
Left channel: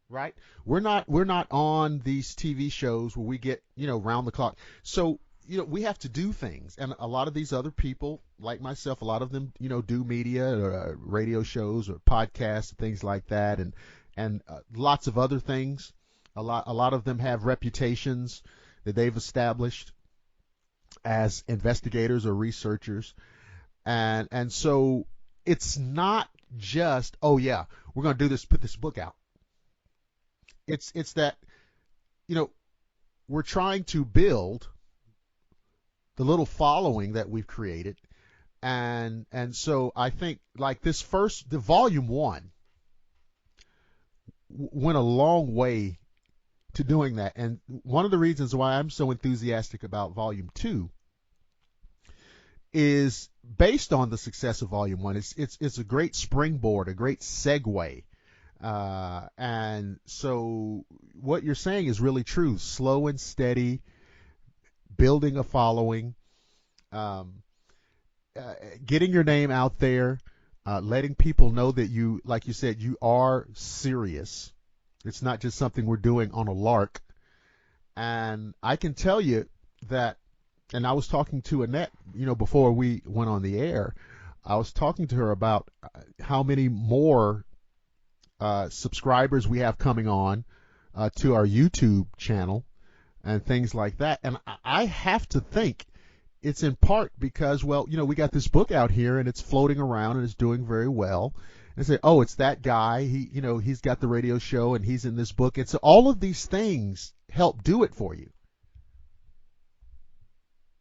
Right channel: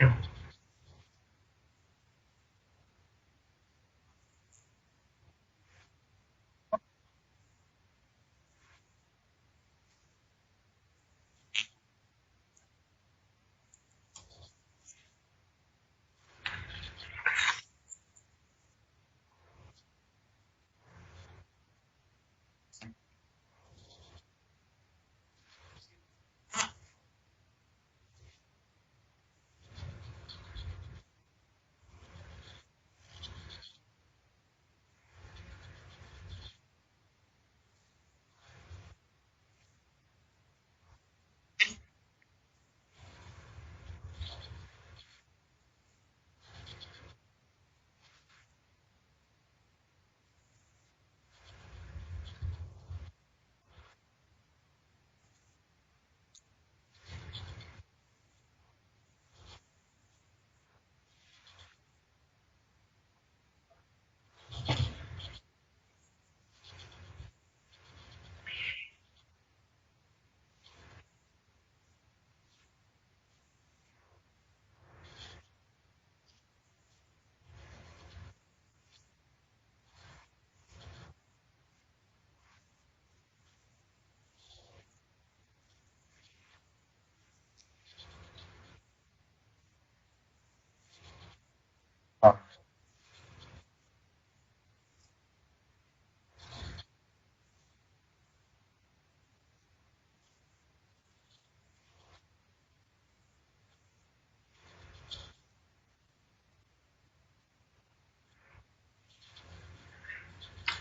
right? We're not on these TV shows where we get round the clock. So we have to do things, and a lot of these other people, like myself, a lot of them do media or radio shows or podcasts and things like that, and lots of other things. A lot of them have reputations that they've established as investigators or researchers, and so it's not just, oh yeah, we're going to do this, put this book out. It's that we're trying to build the little following that we've created, and so I think like the volume 1 went a long way to doing that. And one of the reasons why I'm so enthusiastic about volume 2 is based on the success of volume 1. It's a great springboard, a great segue. And so what you're saying is really true. Slow and steady, building a following, getting your name out there, letting people know that you, like you said, you are serious. It's not just something we're doing on a lark. And I can tell you that, and I was talking to Annette, before we went on the air, I was talking to her about how many more subscribers we have coming on to our YouTube channel and things like that. And I have to think it's in part because, well, we got this book out here and it's floating around and it's doing very well. and say, oh, it's that guy. He's got the radio show and he's in this book. And so all of these things help do it for you.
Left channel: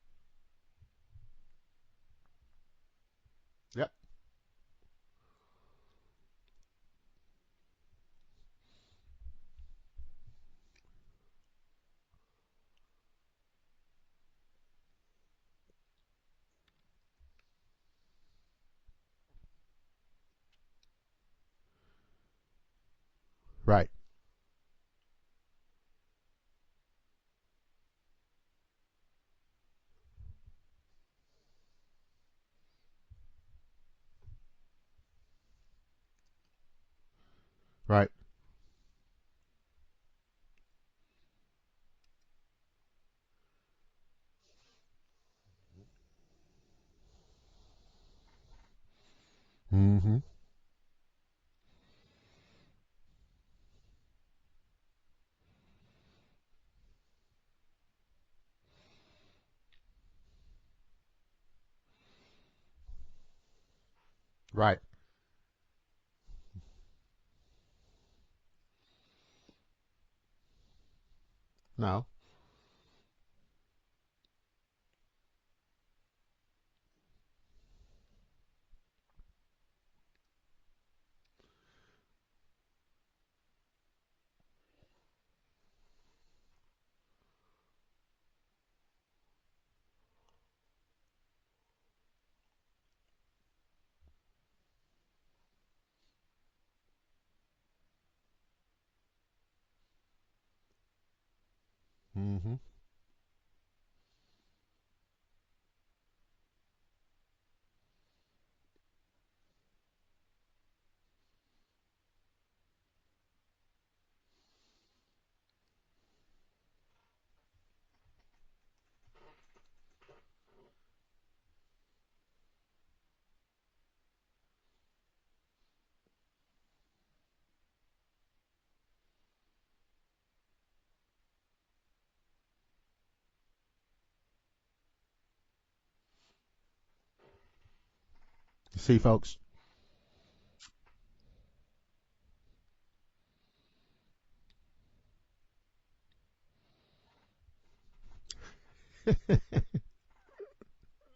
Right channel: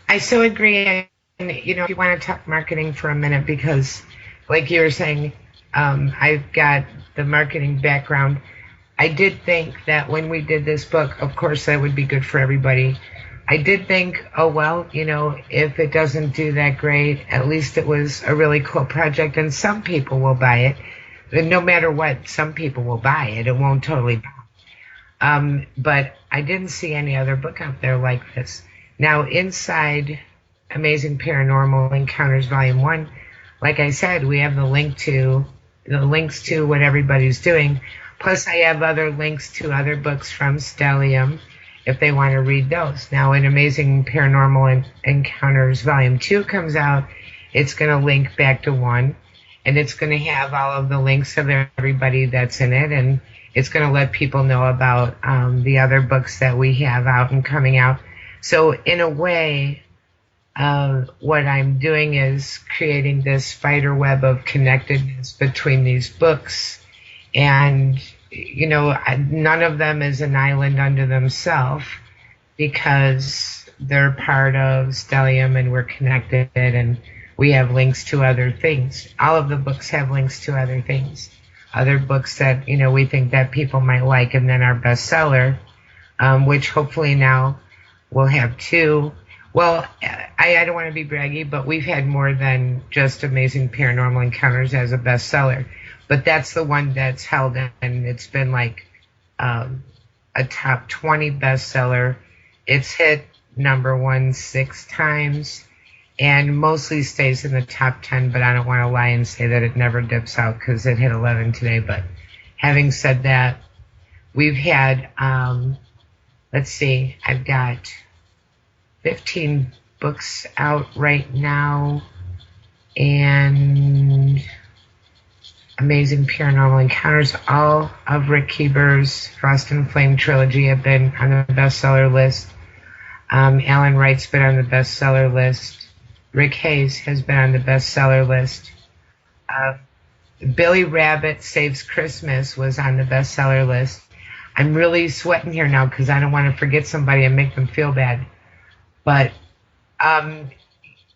I so agree. And, if you want to talk marketing for a minute, because like you were saying, I've got the marketing background. I did think that when we did this book, of course, that would be good for everybody. I did think, oh, well, if it doesn't do that great, at least it was a really cool project and some people will buy it. And no matter what, some people will buy it. It won't totally buy. But I didn't see any other book out there like this. Now, inside Amazing Paranormal Encounters Volume 1, like I said, we have the links to what everybody's doing. Right. Plus, I have other links to other books from Stellium if they want to read those. Now, when Amazing Paranormal Encounters Volume 2 comes out, it's going to link back to 1, and it's going to have all of the links of everybody that's in it, and it's going to let people know about the other books that we have out and coming out. So, in a way, what I'm doing is creating this spider web of connectedness between these books. And, none of them is an island unto themselves because they're part of Stellium and we're connected and we have links to other things. All of the books have links to other things, other books that, we think that people might like, and then our bestseller, which hopefully now we'll have 2. Well, I don't want to be braggy, but we've had more than just Amazing Paranormal Encounters as a bestseller. But that's the one that's held, and it's been like a top 20 bestseller. Mm-hmm. It's hit number 1 6 times and mostly stays in the top 10, but I don't want to lie and say that it never dips out because it hit 11 today. But having said that, we've had, let's see, I've got 15 books out right now, and Amazing Paranormal Encounters, all of Rick Keeber's Frost and Flame trilogy have been on the bestseller list. Alan Wright's been on the bestseller list. Rick Hayes has been on the bestseller list. See, folks. Billy Rabbit Saves Christmas was on the bestseller list. I'm really sweating here now because I don't want to forget somebody and make them feel bad. But,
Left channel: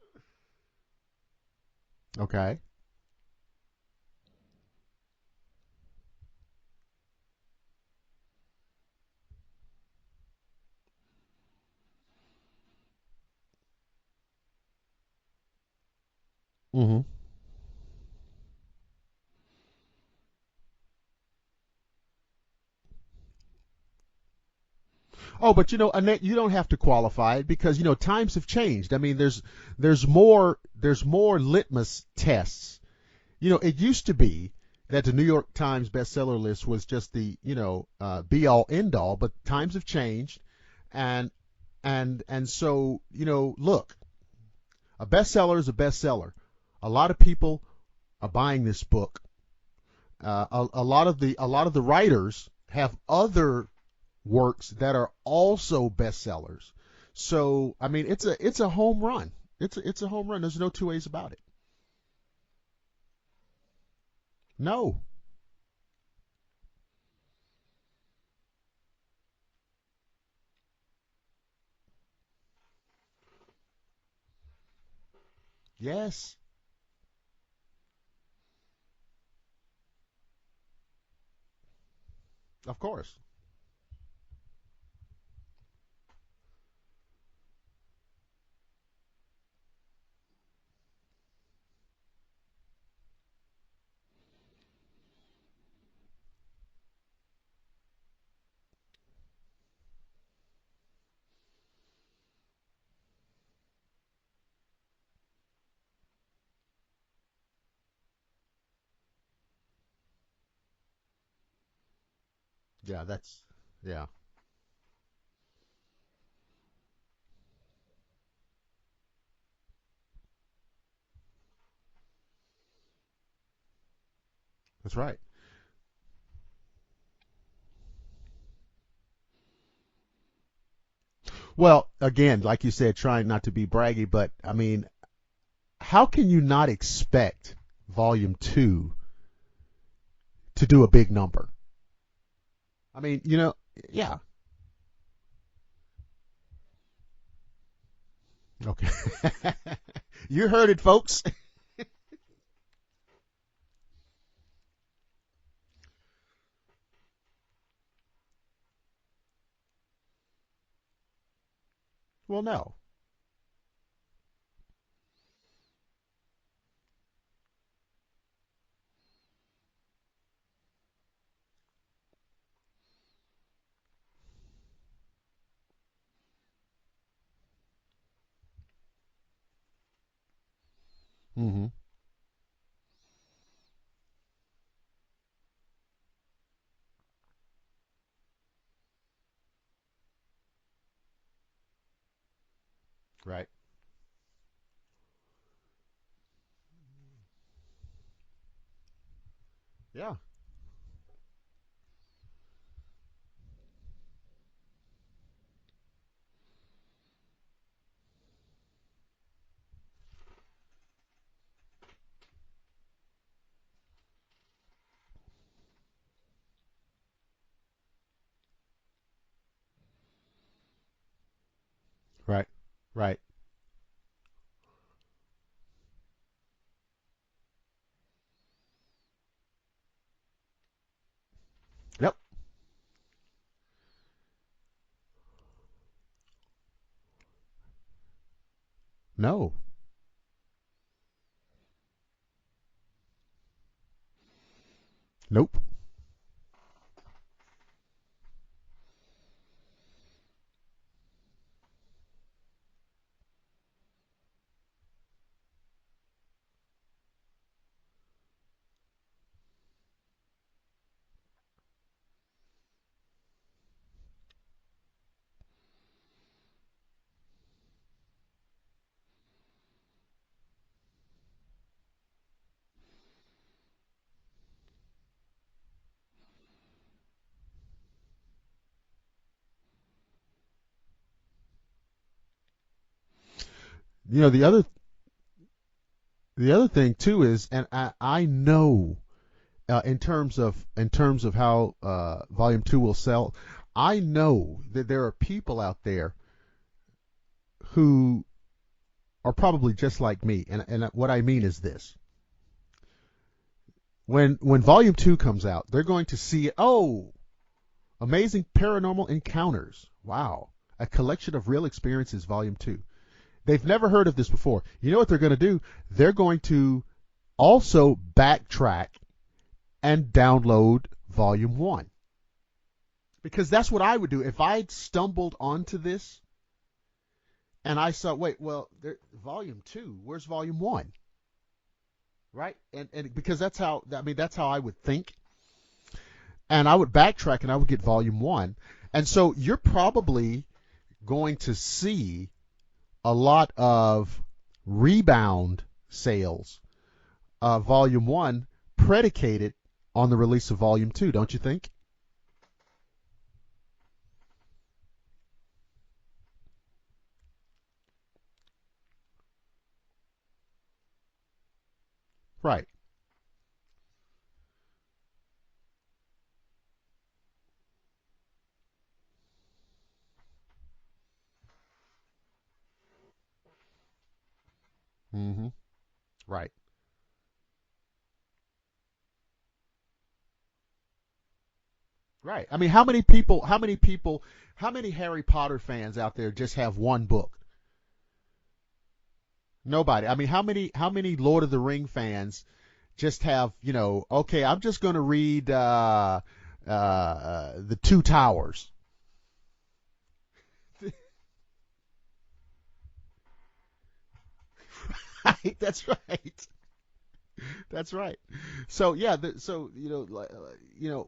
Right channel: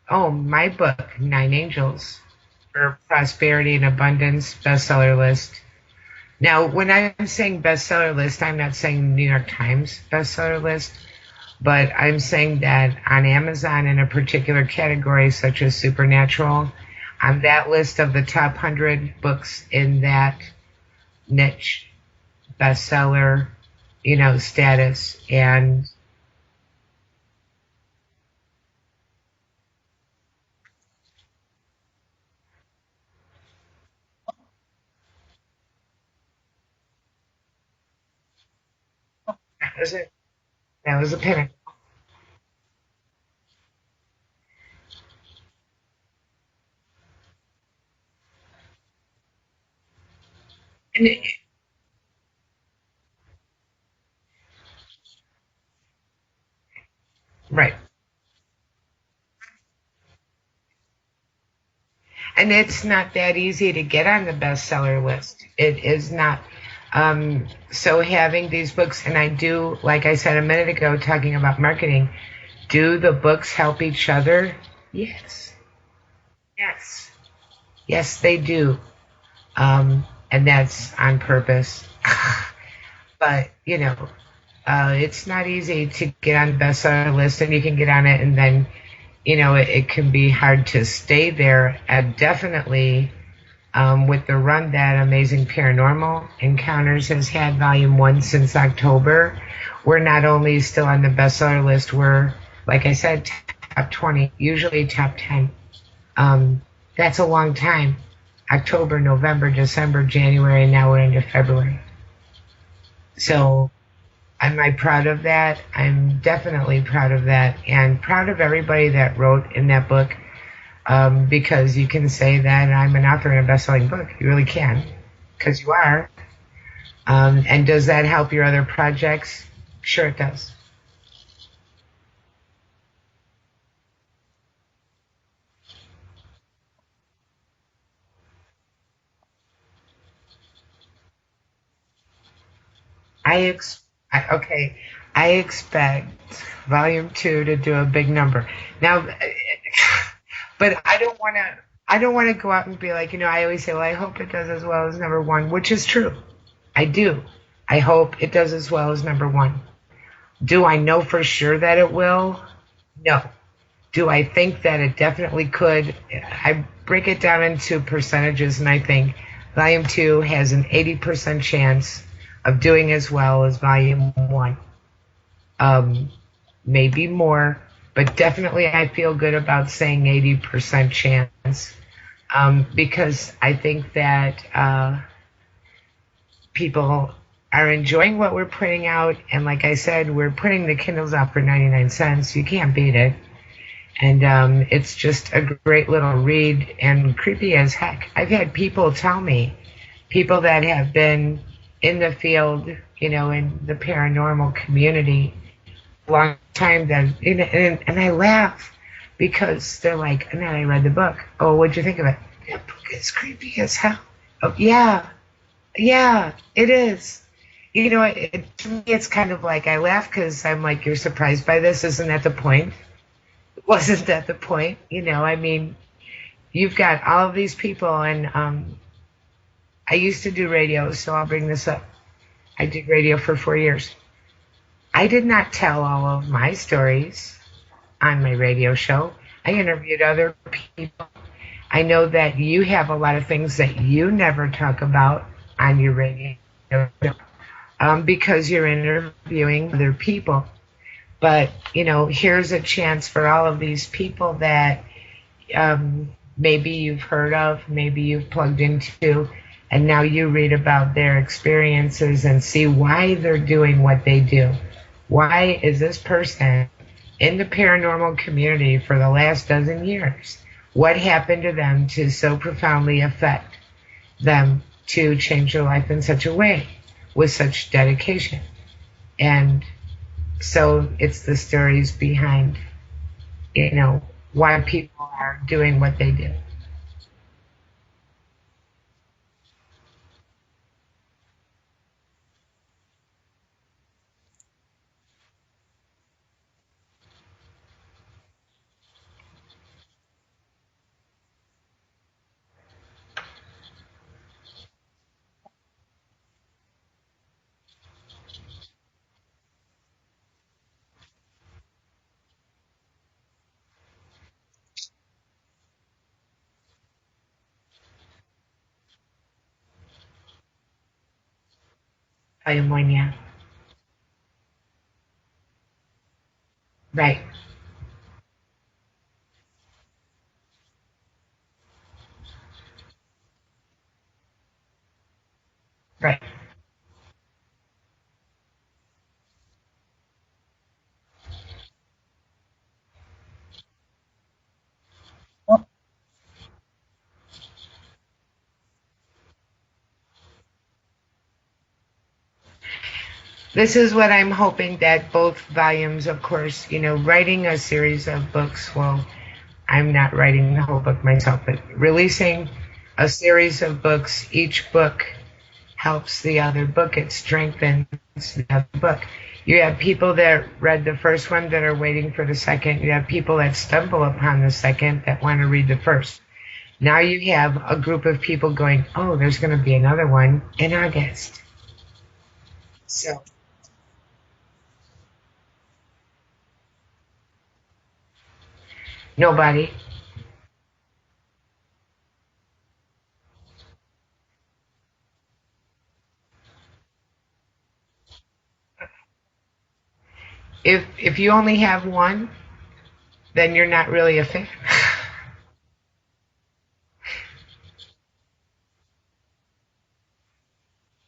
my book, 9 Angels. Okay. For Prosperity and Abundance, bestseller list. Now, when I'm saying bestseller list, I'm not saying New York Times bestseller list, but I'm saying that on Amazon in a particular category, such as Supernatural, on that list of the top 100 books in that niche, bestseller, status. And but Annette, you don't have to qualify it because times have changed. I mean, there's more litmus tests. It used to be that the New York Times bestseller list was just the be all end all, but times have changed. That was a pinnacle. And so look, a bestseller is a bestseller. A lot of people are buying this book. A lot of the writers have other works that are also bestsellers. So right. I mean, it's a home run. It's a home run. There's no two ways about it. And it's not that easy to get on the bestseller list. It is not. So having these books, and I do, like I said a minute ago, talking about marketing, do the books help each other? Yes. Yes. Yes. Yes, they do. And that's on purpose. Of course. But, it's not easy to get on the bestseller list, and you can get on it, and then, it can be hard to stay there. And definitely, with the run that Amazing Paranormal Encounters has had, Volume 1, since October, we're not only still on the bestseller list, we're, like I said, top 20, usually top 10. That's a long time. October, November, December, January, and now we're into February. Yeah, yeah. Am I proud of that? I'm definitely proud of that, and proud of everybody that wrote in that book, because you can say that I'm an author in a best-selling book. You really can. That's right. Because you are. And does that help your other projects? Sure it does. Well, again, like you said, trying not to be braggy, but, I mean, how can you not expect Volume 2 to do a big number. I mean, yeah. Okay. I expect Volume 2 to do a big number. Now, you heard but it, folks. I don't want to go out and be like, I always say, well, I hope it does as well as number 1, which is true. I do. I hope it does as well as number 1. Do I know for sure that it will? Well, no. No. Do I think that it definitely could? I break it down into percentages, and I think Volume 2 has an 80% chance of doing as well as Volume 1. Maybe more, but definitely I feel good about saying 80% chance. Because I think that people are enjoying what we're putting out, and like I said, we're putting the Kindles out for 99 cents. You can't beat it. Right. And it's just a great little read, and creepy as heck. I've had people tell me, people that have been in the field, in the paranormal community, a long time, that, and I laugh because they're like, Annette, I read the book. Oh, what'd you think of it? That book is creepy as hell. Oh, yeah, it is. To me, it's kind of like I laugh because I'm like, you're surprised by this? Isn't that the point? Right. Wasn't that the point? I mean, you've got all of these people, and I used to do radio, so I'll bring this up. Yep. I did radio for 4 years. I did not tell all of my stories on my radio show. No. I interviewed other people. I know that you have a lot of things that you never talk about on your radio show, because you're interviewing other people. But, here's a chance for all of these people that maybe you've heard of, maybe you've plugged into, and now you read about their experiences and see why they're doing what they do. Why is this person in the paranormal community for the last dozen years? What happened to them to so profoundly affect them to change their life in such a way with such dedication? And so it's the stories behind, why people are doing what they do. The other thing too is, and I know, in terms of how Volume 2 will sell, I know that there are people out there who are probably just like me, and what I mean is this: when Volume 2 comes out, they're going to see, Amazing Paranormal Encounters. Wow, a collection of real experiences, Volume 2. They've never heard of this before. You know what they're going to do? They're going to also backtrack and download Volume 1. Volume 1, yeah. Because that's what I would do if I'd stumbled onto this. Right. And I saw, Volume 2, where's Volume 1? Right? And because that's how I would think. Right. And I would backtrack and I would get Volume 1. And so you're probably going to see a lot of rebound sales of Volume 1 predicated on the release of Volume 2, don't you think? This is what I'm hoping, that both volumes, of course, writing a series of books, well, I'm not writing the whole book myself, but releasing a series of books, each book helps the other book. It strengthens the other book. You have people that read the first one that are waiting for the second. You have people that stumble upon the second that want to read the first. Right. Now you have a group of people going, oh, there's going to be another one in August. Right. I mean, how many Harry Potter fans out there just have one book? Nobody. I mean, how many Lord of the Ring fans just have, okay, I'm just going to read the Two Towers. If you only have one, then you're not really a fan. That's right. That's right. So yeah,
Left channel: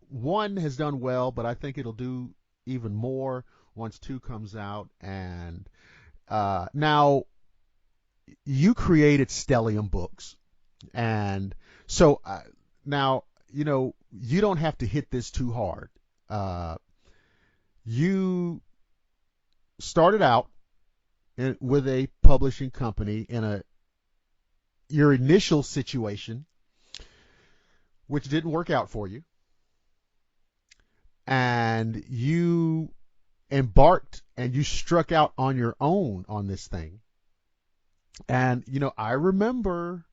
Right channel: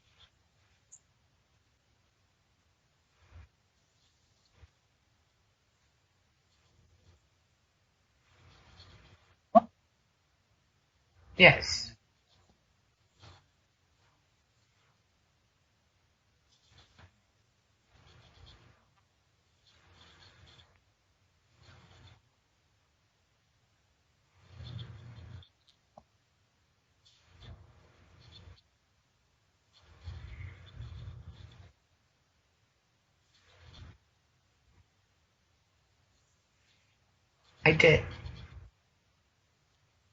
one has done well, but I think it'll do even more once 2 comes out. And now you created Stellium Books, and yes. So now you don't have to hit this too hard. You started out with a publishing company in your initial situation, which didn't work out for you. and you embarked and you struck out on your own on this thing. I did. And, I remember.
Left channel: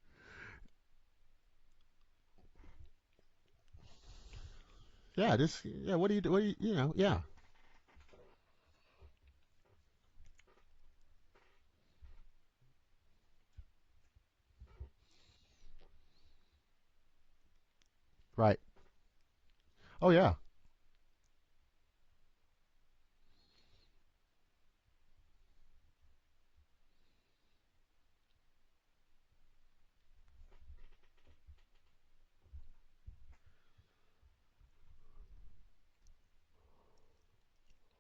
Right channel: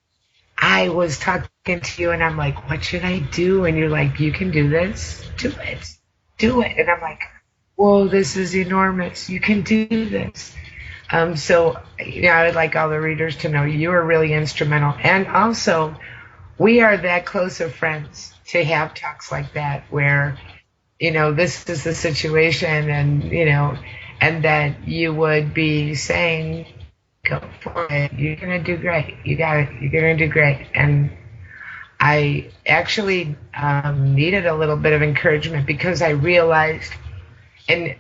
I was talking to you, and I'm like, what should I do? And you're like, you can do this. Yeah, do it. Yeah, what do you do? Do it. And I'm like, whoa, this is enormous. You can do this. So, I would like all the readers to know you are really instrumental. And also, we are that close of friends to have talks like that where, this is the situation and, and that you would be saying, go for it. You're going to do great. You got it. You're going to do great. And I actually needed a little bit of encouragement because I realized, and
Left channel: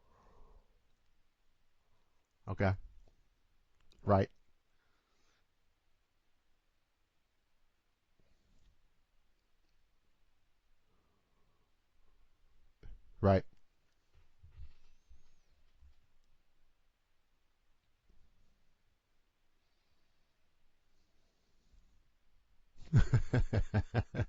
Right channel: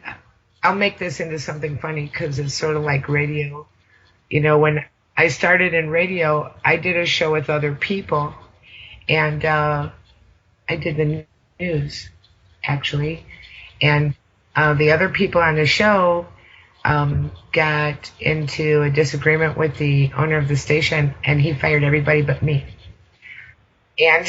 I'll make this into something funny because it's sort of like radio. Right. When I started in radio, I did a show with other people, and I did the news, actually. Right. And the other people on the show got into a disagreement with the owner of the station, and he fired everybody but me. And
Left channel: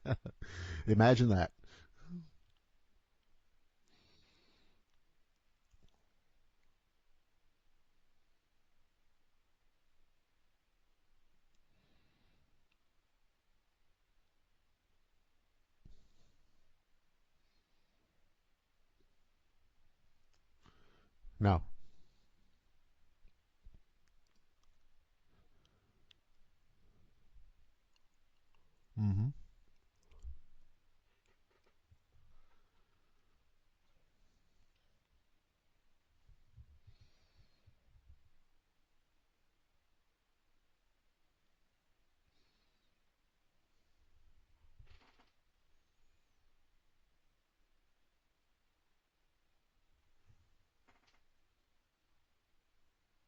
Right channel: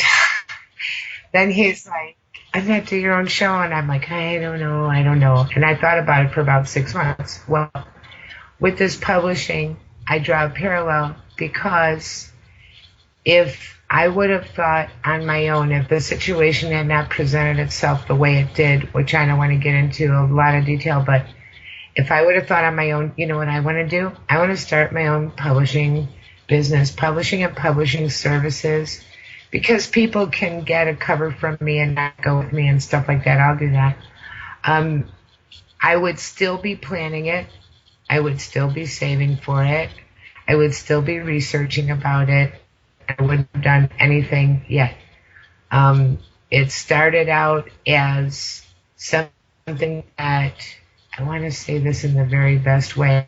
imagine that. Then he's like, Annette, do your own show. And I'm like, I don't know. And I thought about it for about 6 months. Well, with this publishing, I draw a parallel because if I would have thought on my own, if the situation had not presented itself the way it did, which I don't want to get into a lot of detail, but no. If I would have thought on my own, you know what I want to do? I want to start my own publishing business, publishing and publishing services. Mm-hmm. Because people can get a cover from me and not go with me and stuff like that. I'll do that. I would still be planning it. I would still be saving for it. I would still be researching about it. I wouldn't have done anything yet. It started out as something that, I want to say this in the very best way,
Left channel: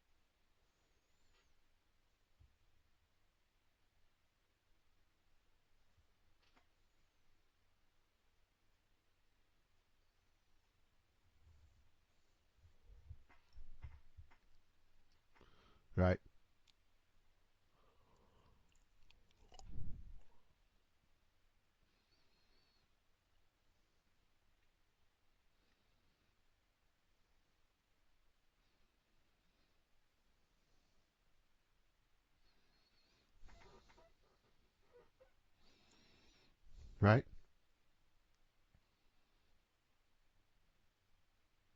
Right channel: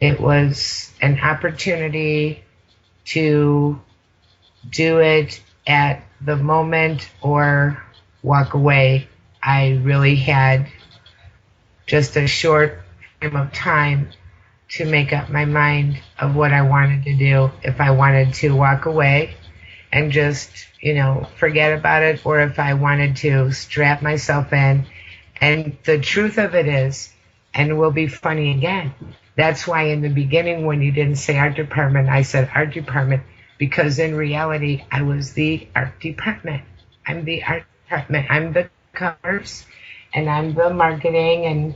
it was an opportunity to do it at the moment or walk away. I really had just a short frame of time to make up my mind of what I wanted to do. If I wanted to walk away and just, forget about it, or if I wanted to strap myself in. And the truth of it is, and we'll be funny again, that's why in the beginning when you didn't say art department, I said art department. Because in reality, I was the art department. Right. I'm the art department. I'm the covers, and I'm the marketing, and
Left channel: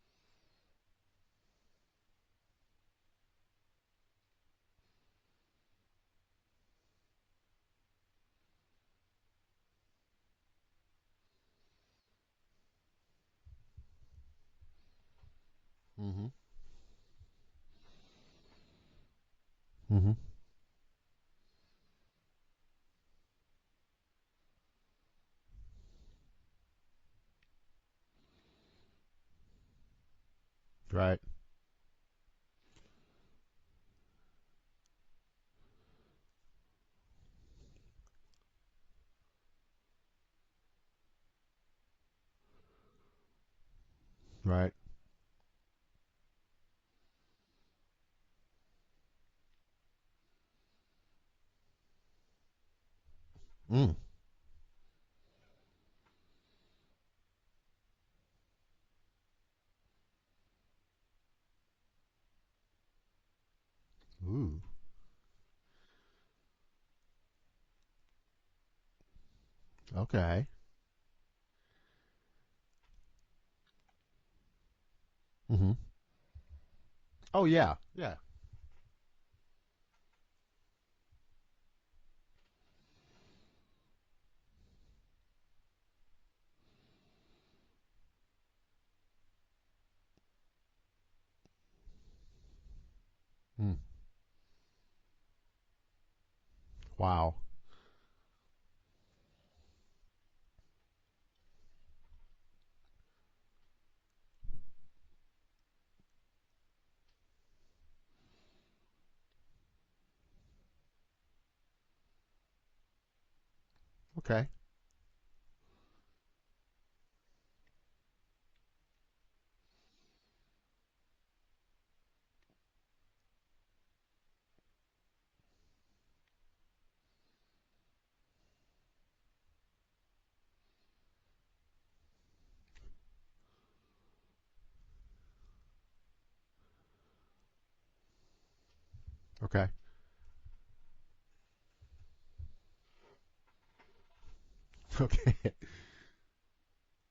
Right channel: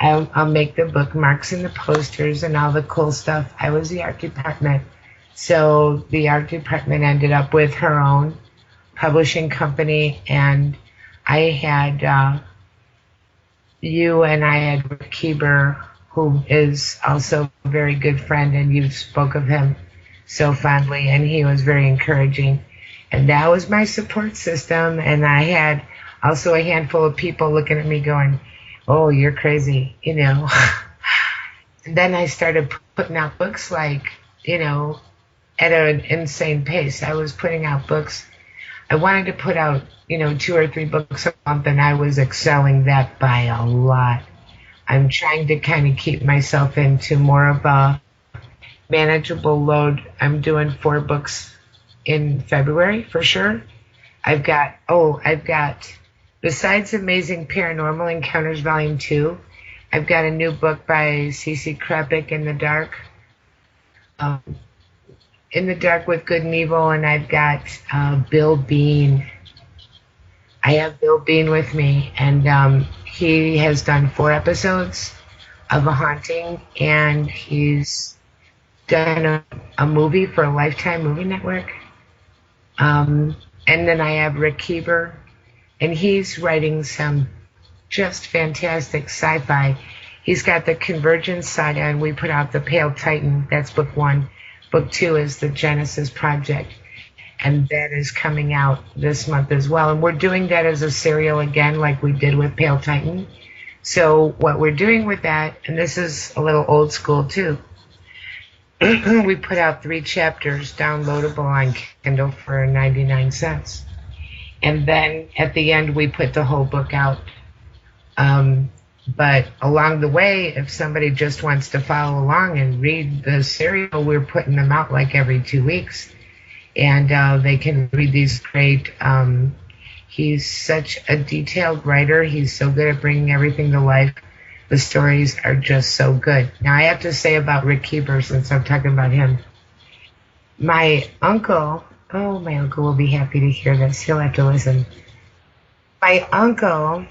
I'll make the bookmarks and the posters and all the cool stuff. I was the art department. So the art department ended up with her own publishing company, and I had you, and I had Rick Keeber, who is also a very good friend, and you spoke of him so fondly, and he was very encouraging. And that was my support system, and I had also a handful of people looking at me going, oh, you're crazy, Right. And then I started putting out books at an insane pace. I was putting out books. I wanted to put out, 2 or 3 books a month, and I was excelling that by a lot. Right. I'm trying to kind of keep myself into more of a manageable load. I'm doing 4 books in February for sure. I've got, besides Amazing Paranormal Encounters Volume 2, I've got a new book by Cece Krepik, In the Dark. In the Dark with Good and Evil, and I've got Bill Bean. Okay. I have Bill Bean with me, and he has done 4 episodes of A Haunting, and he's done a movie for a Lifetime Movie Network. And then I have Rick Keeber, and he's writing some just fantastic sci-fi. He's got the Convergence saga, and we put out The Pale Titan. That's book 1. Book 2 is the Genesis Project. Wow. And that is coming out this month as well. And we're doing that as a serial again, like we did with Pale Titan. So what we're doing with that, and this is a little old school too, we put out 3 chapters downloadable on Kindle for 99 cents. Okay. And then at the end, we put the whole book out. But along the way, if somebody just wants to follow along and read the serial, we're putting them out like every 2 weeks. And they can read these great He's such a detailed writer. He's so good at bringing everything to life. The stories are just so good. Now, I have to say about Rick Keeper, since I'm talking about him. Okay. My uncle will be happy to hear this. He'll have to listen. Okay. My uncle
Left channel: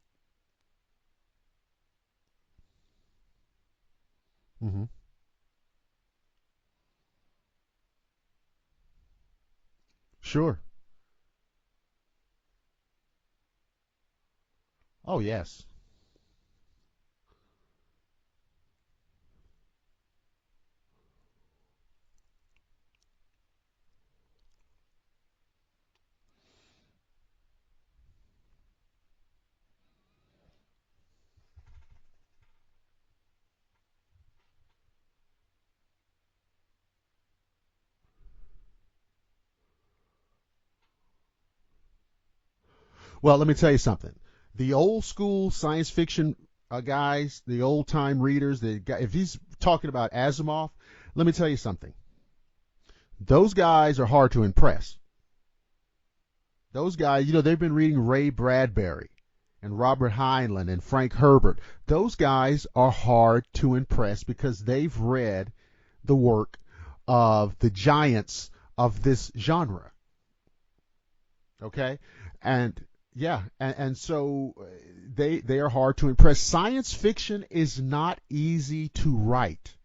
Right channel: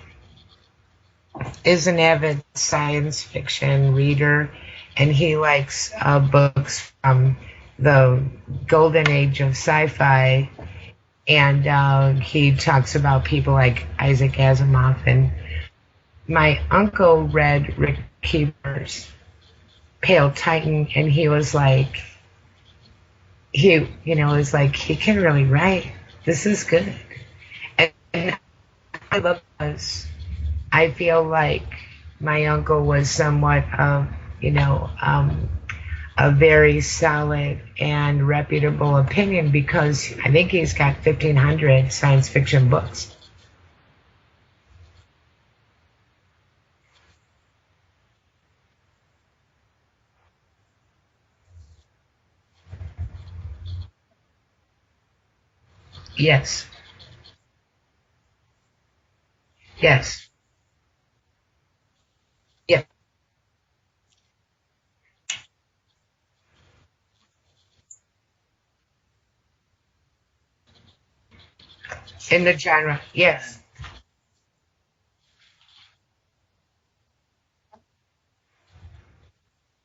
is an avid science fiction reader, and he likes books from the golden age of sci-fi. Sure. And he talks about people like Isaac Asimov. And yes. my uncle read Rick Keeper's Pale Titan, and he was like, he can really write. This is good. And I love this. I feel like my uncle was somewhat of, a very solid and reputable opinion, because I think he's got 1,500 science fiction books. Well, let me tell you something. The old school science fiction guys, the old time readers, if he's talking about Asimov, let me tell you something. Those guys are hard to impress. Yes. Those guys, they've been reading Ray Bradbury and Robert Heinlein and Frank Herbert. Those guys are hard to impress because they've read the work of the giants of this genre. Okay? In the genre, yes. And so they are hard to impress. Science fiction is not easy to write.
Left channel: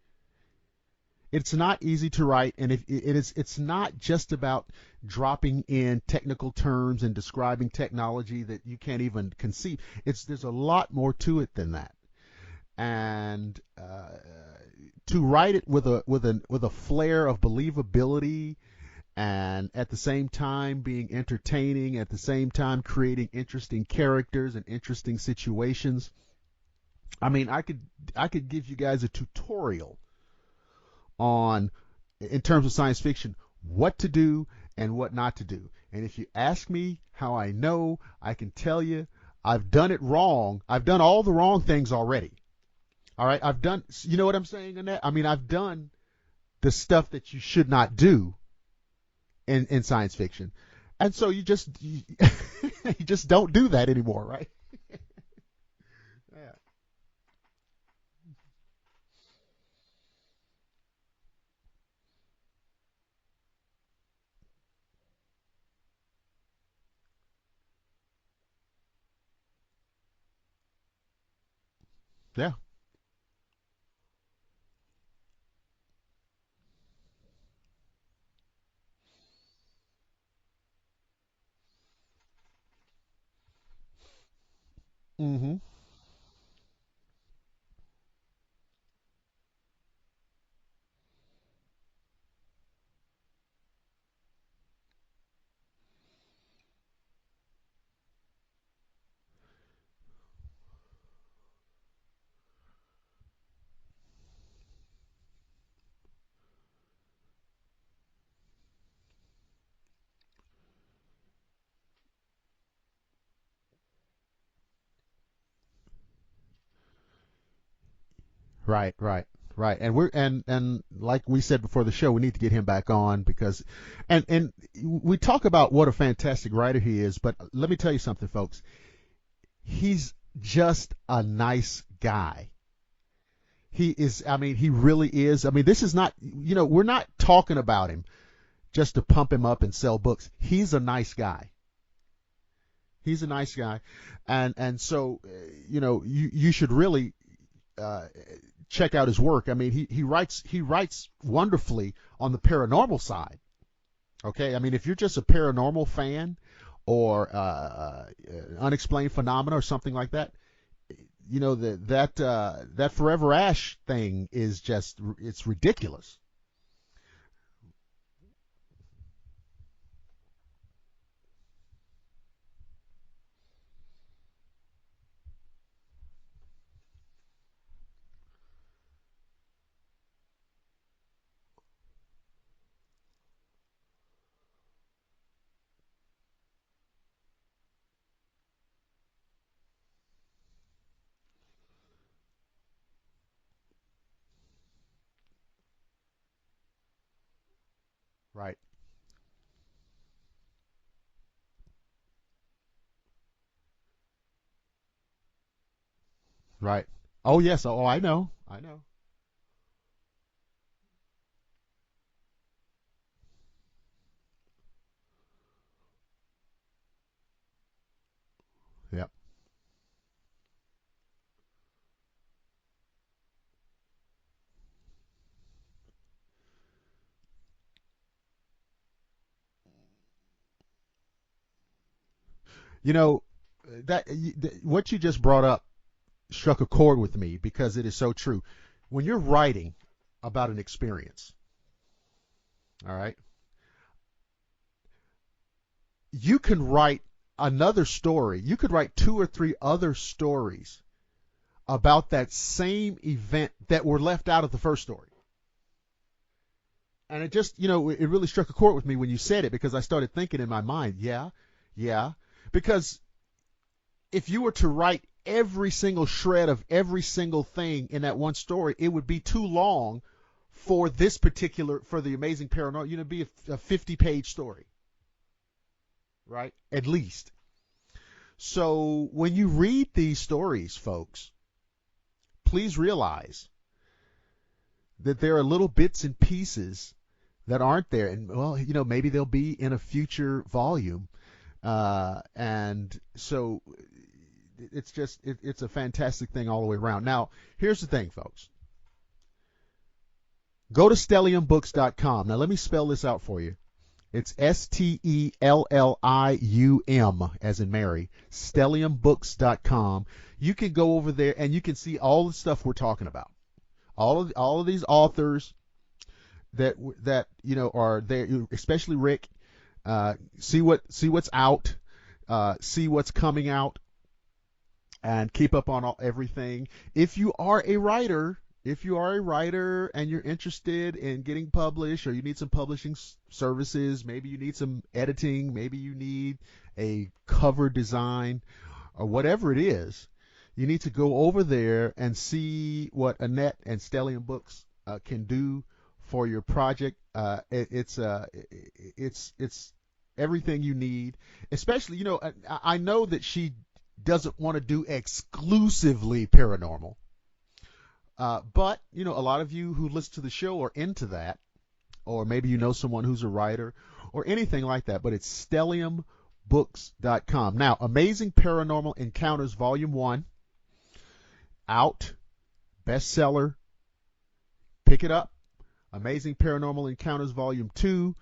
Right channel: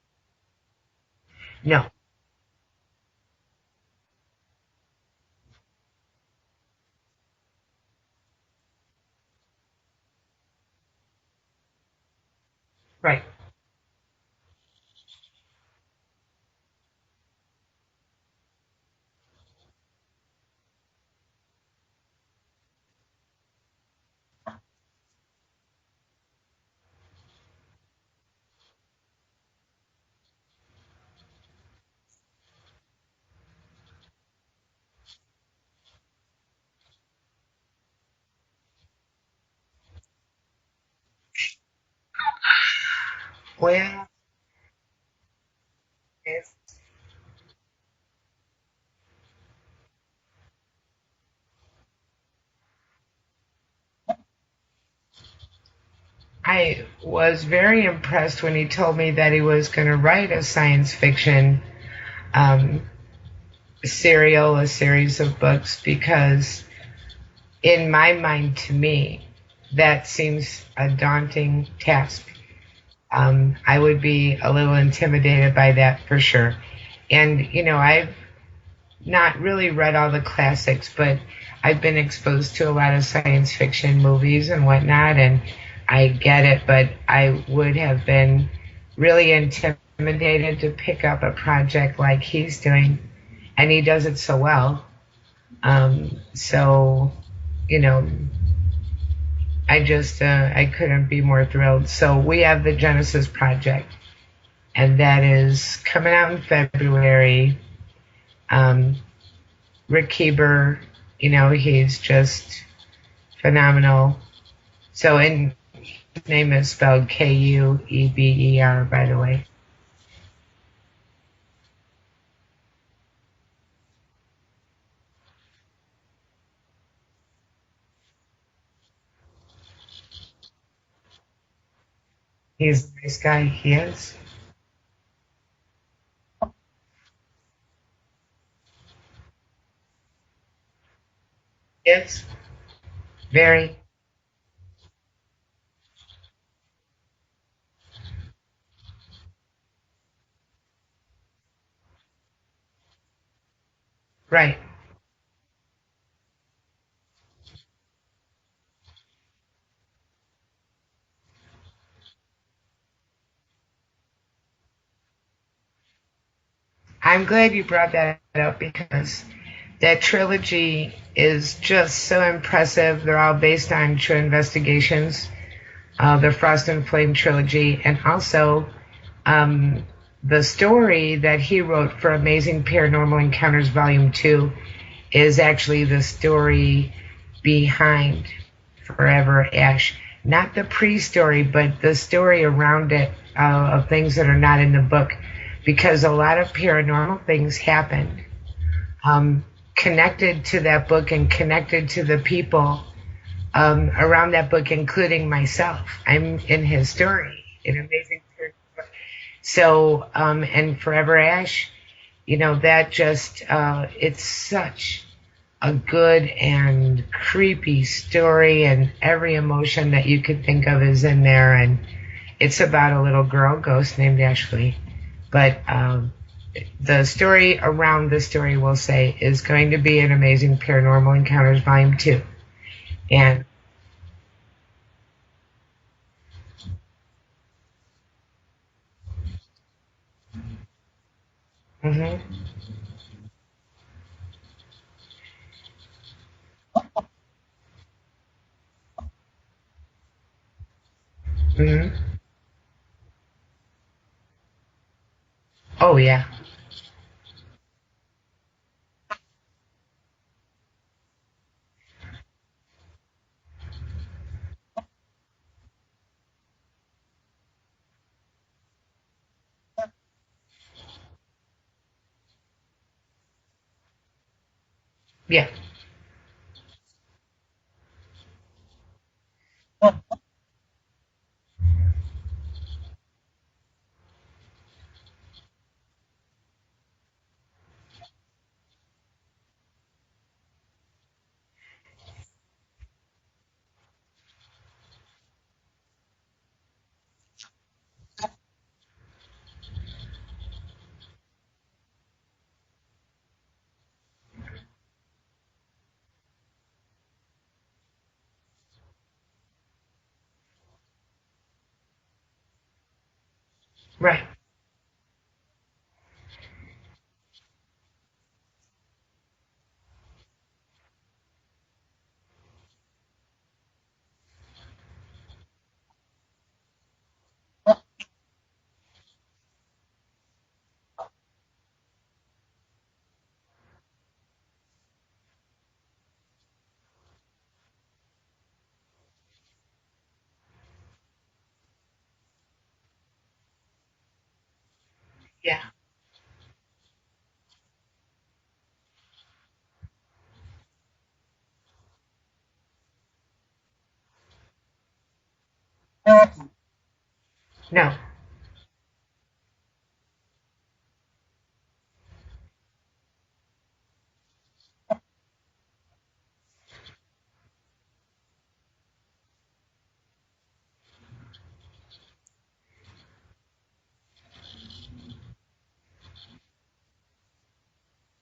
It's not easy to write, and it's not just about dropping in technical terms and describing technology that you can't even conceive. There's a lot more to it than that. And to write it with a flair of believability, and at the same time being entertaining, at the same time creating interesting characters and interesting situations. I mean, I could give you guys a tutorial on, in terms of science fiction, what to do and what not to do. And if you ask me how I know, I can tell you I've done it wrong. I've done all the wrong things already. All right, I've done, you know what I'm saying, Annette? I mean, I've done the stuff that you should not do in science fiction. And so you just don't do that anymore, right? I was very impressed when he told me that he was going to write a science fiction a series of books, because in my mind, to me, that seems a daunting task. Yeah. I would be a little intimidated by that for sure. And, I've not really read all the classics, but I've been exposed to a lot of science fiction movies and whatnot, and I get it, but I would have been really intimidated to pick up a project like he's doing, and he does it so well. I couldn't be more thrilled. So we have the Genesis Project, and that is coming out in February. Rick Keeper, he's just phenomenal. So his name is spelled Kueber, by the way. Right. And we're and like we said before the show, we need to get him back on, because and we talk about what a fantastic writer he is, but let me tell you something, folks. He's just a nice guy. He's a nice guy. He is. He really is. I mean, this is not, we're not talking about him just to pump him up and sell books. He's a nice guy. Yes. He's a nice guy. And so, you should really check out his work. I mean, he writes wonderfully on the paranormal side. Okay? Right. I mean, if you're just a paranormal fan, or unexplained phenomena or something like that, that Forever Ash thing is just, it's ridiculous. I'm glad you brought that up, because that trilogy is just so impressive. They're all based on true investigations. The Frost and Flame trilogy, and also the story that he wrote for Amazing Paranormal Encounters Volume 2 is actually the story behind Forever Ash. Not the pre-story, but the story around it, of things that are not in the book, because a lot of paranormal things happened. Right. Connected to that book and connected to the people around that book, including myself. I'm in his story. Oh, yes. Oh, I know. So, and Forever Ash, that just, it's such a good and creepy story, and every emotion that you could think of is in there. And it's about a little girl ghost named Ashley. But the story around the story, we'll say, is going to be an Amazing Paranormal Encounters Volume 2. And what you just brought up struck a chord with me, because it is so true. When you're writing about an experience, all right, you can write another story. You could write 2 or 3 other stories about that same event that were left out of the first story. Oh, yeah. And it just, it really struck a chord with me when you said it, because I started thinking in my mind, because if you were to write every single shred of every single thing in that one story, it would be too long for the Amazing Paranormal, it'd be a 50-page story. Yeah. Right? At least. So when you read these stories, folks, please realize that there are little bits and pieces that aren't there. And, well, maybe they'll be in a future volume. And so it's a fantastic thing all the way around. Now, here's the thing, folks. Go to StelliumBooks.com. Now, let me spell this out for you. It's STELLIUM, as in Mary, StelliumBooks.com. You can go over there and you can see all the stuff we're talking about. All of these authors that are there, especially Rick. See what's out, see what's coming out, and keep up on everything. If you are a writer and you're interested in getting published, or you need some publishing services, maybe you need some editing, maybe you need a cover design, or whatever it is, you need to go over there and see what Annette and Stellium Books can do for your project. It's everything you need. Especially, I know that she doesn't want to do exclusively paranormal. No. But, a lot of you who listen to the show are into that, or maybe someone who's a writer or anything like that. But it's StelliumBooks.com. Now, Amazing Paranormal Encounters Volume 1, out, bestseller, pick it up. Amazing Paranormal Encounters Volume 2,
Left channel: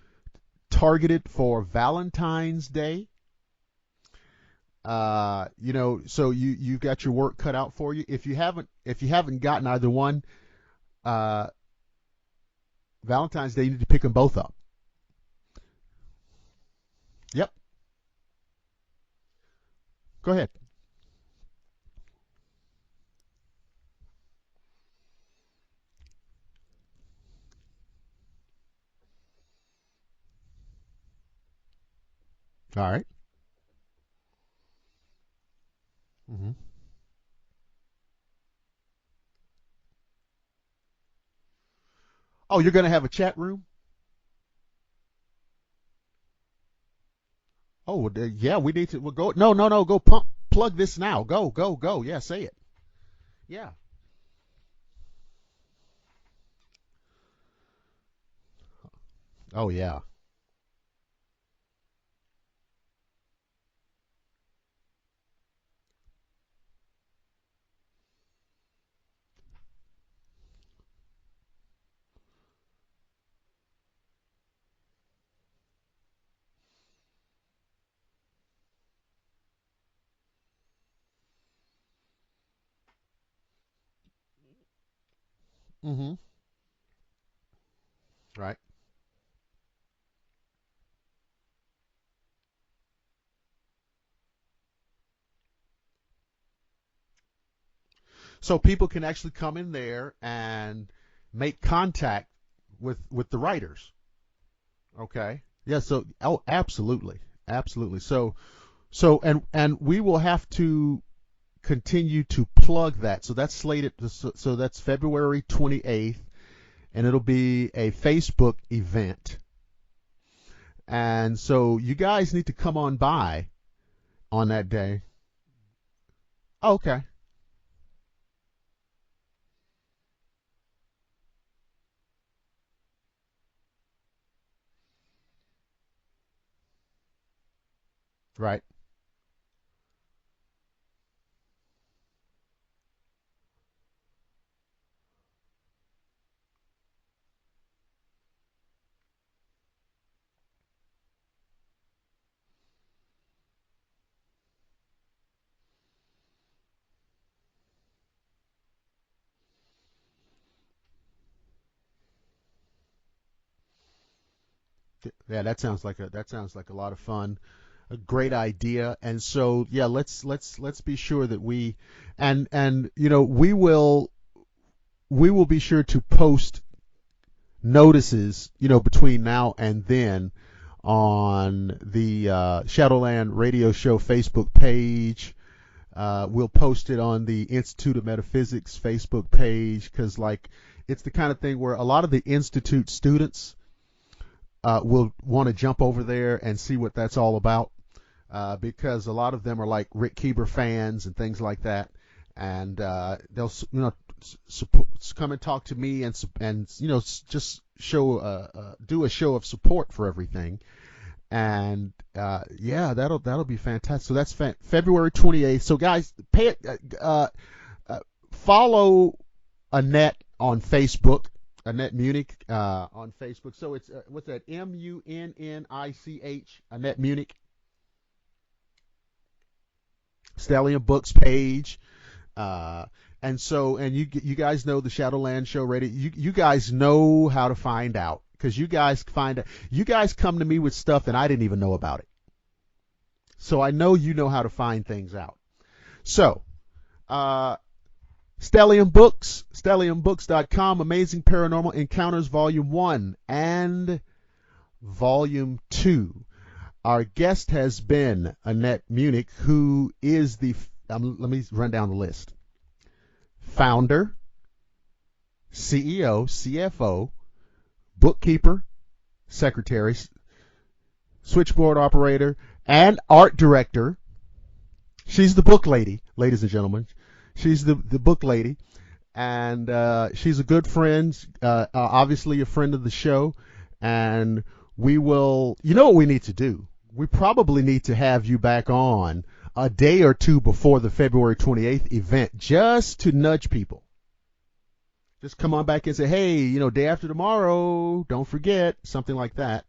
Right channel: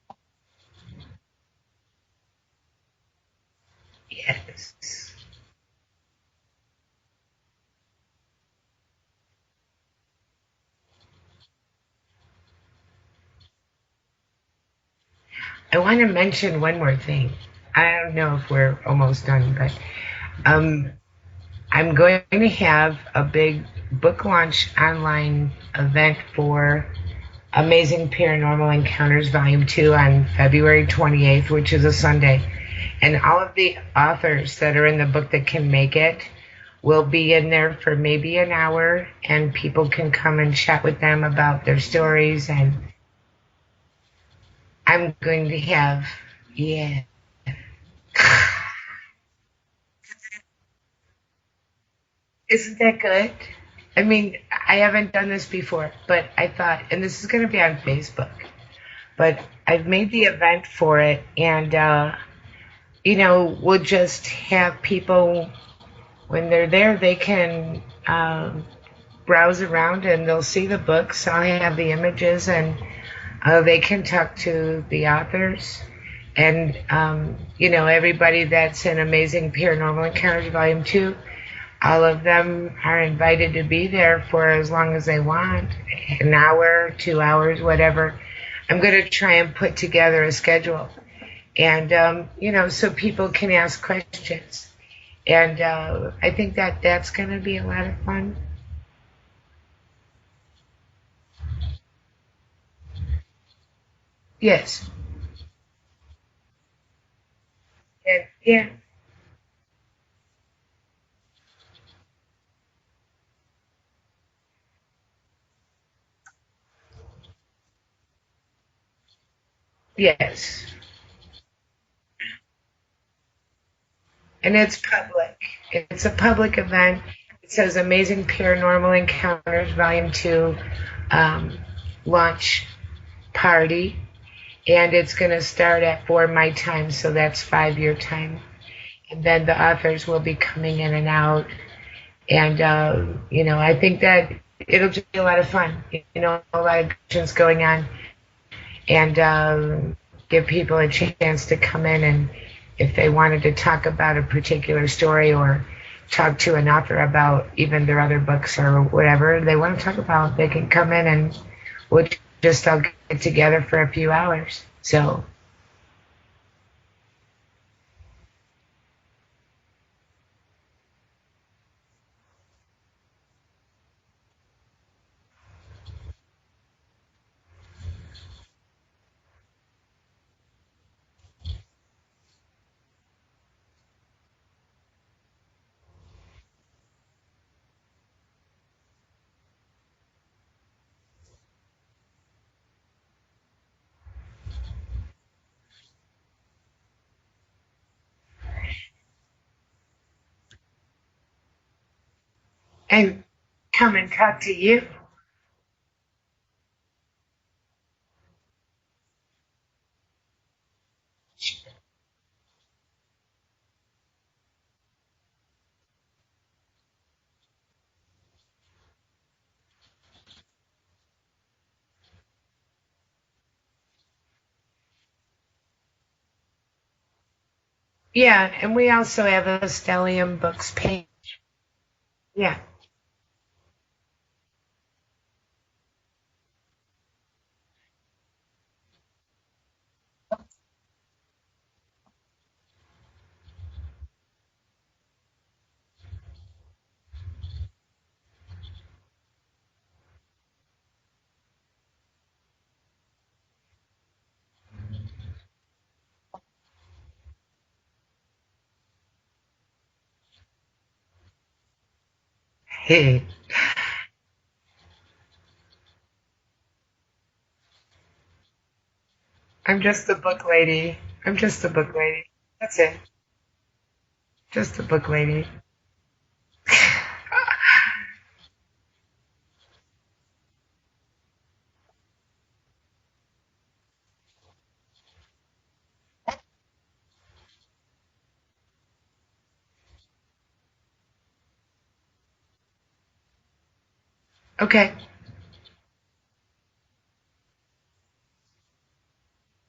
targeted for Valentine's Day. Yes. So you've got your work cut out for you. If you haven't gotten either one, Valentine's Day, you need to pick them both up. I want to mention one more thing. Yep. I don't know if we're almost done, but go ahead. I'm going to have a big book launch online event for Amazing Paranormal Encounters Volume 2 on February 28th, which is a Sunday. All right. And all of the authors that are in the book that can make it will be in there for maybe an hour, and people can come and chat with them about their stories. Oh, you're going to have a chat room? I'm going to have, Oh, yeah, we need to. We'll go. No, go plug this now. Go. Yeah, say it. Isn't that good? Yeah. I mean, I haven't done this before, but I thought, and this is going to be on Facebook, but I've made the event for it, and, we'll just have people, when they're there, they can browse around and they'll see the books. I'll have the images, and they can talk to the authors. And, everybody that's in Amazing Paranormal Encounters Volume 2, all of them are invited to be there for as long as they want, an hour, 2 hours, whatever. Right. I'm going to try and put together a schedule. And, so people can ask questions. And I think that's going to be a lot of fun. So people can actually come in there and make contact with the writers. Yes. Okay. Yeah. So, absolutely. Yeah. So, and we will have to continue to plug that. So that's slated. So that's February 28th, and it'll be a Facebook event. Yes. And so you guys need to come on by on and that it's day. public. It's a public event. Okay. It says Amazing Paranormal Encounters Volume 2 launch party. And it's going to start at 4 my time, so that's 5 your time. Right. And then the authors will be coming in and out. And, I think that it'll just be a lot of fun. A lot of questions going on. And give people a chance to come in, and if they wanted to talk about a particular story or talk to an author about even their other books or whatever they want to talk about, they can come in and we'll just all get together for a few hours. So yeah, that sounds like a lot of fun, a great idea. And so yeah, let's be sure that we we will be sure to post notices between now and then on the Shadowland Radio Show Facebook page. We'll post it on the Institute of Metaphysics Facebook page, because it's the kind of thing where a lot of the Institute students will want to jump over there and see what that's all about, because a lot of them are like Rick Keeber fans and things like that, and they'll come and talk to you. Come and talk to me and just do a show of support for everything. And yeah, that'll be fantastic. So that's February 28th. So guys, follow Annette on Facebook, Annette Munnich on Facebook. So it's what's that? Munnich, Annette Munnich. Yeah, and we also have a Stellium Books page. Yeah. And you guys know the Shadowland Show Radio. You guys know how to find out. Because you guys come to me with stuff and I didn't even know about it. So I know you know how to find things out. So, Stellium Books, stelliumbooks.com, Amazing Paranormal Encounters Volume 1 and Volume 2. Our guest has been Annette Munnich, who is let me run down the list. Founder, CEO, CFO, bookkeeper, secretary. I'm just the book lady. Switchboard operator, and art director. Just the book lady. She's the book lady, ladies and gentlemen. She's the book lady. And she's a good friend, obviously a friend of the show. And we will, what we need to do? We probably need to have you back on a day or two before the February 28th event, just to nudge people. Okay. Just come on back and say, hey, day after tomorrow, don't forget, something like that.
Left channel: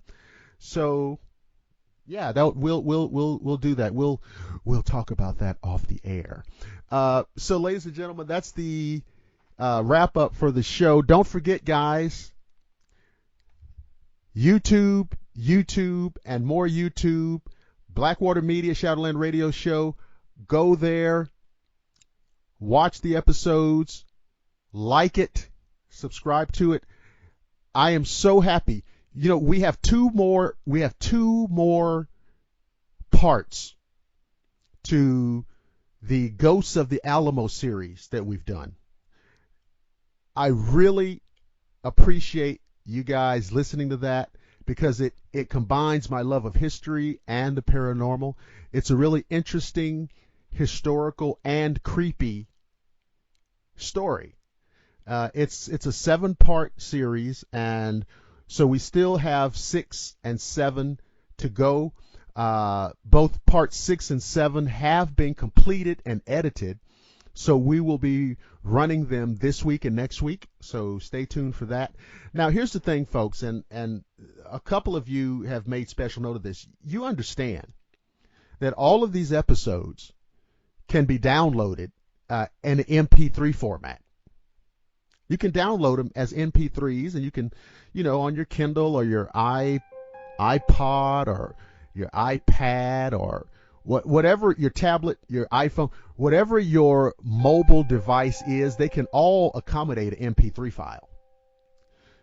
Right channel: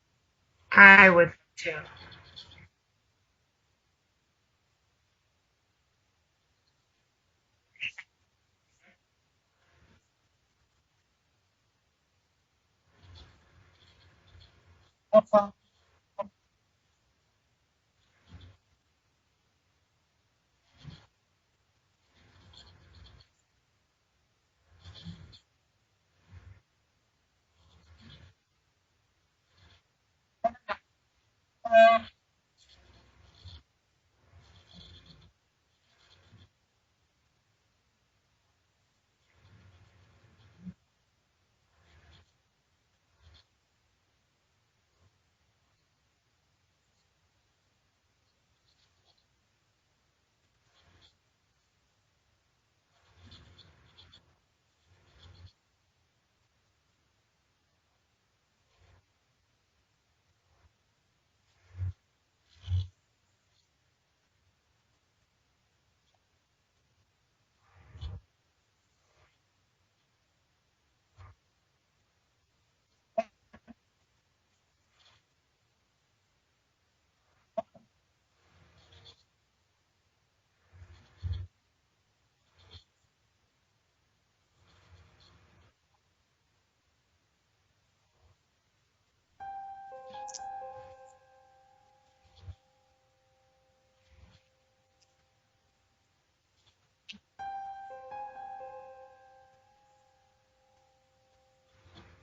So, I would too. Yeah, we'll do that. We'll talk about that off the air. So, ladies and gentlemen, that's the wrap up for the show. Don't forget, guys, YouTube, and more YouTube. Blackwater Media, Shadowland Radio Show. Go there, watch the episodes. Like it, subscribe to it. I am so happy. We have two more parts to the Ghosts of the Alamo series that we've done. I really appreciate you guys listening to that, because it combines my love of history and the paranormal. It's a really interesting, historical, and creepy story. It's a 7-part series, and so we still have 6 and 7 to go. Both parts 6 and 7 have been completed and edited, so we will be running them this week and next week, so stay tuned for that. Now, here's the thing, folks, and a couple of you have made special note of this. You understand that all of these episodes can be downloaded in an MP3 format. You can download them as MP3s, and you can, on your Kindle or your iPod or your iPad or whatever, your tablet, your iPhone, whatever your mobile device is, they can all accommodate an MP3 file.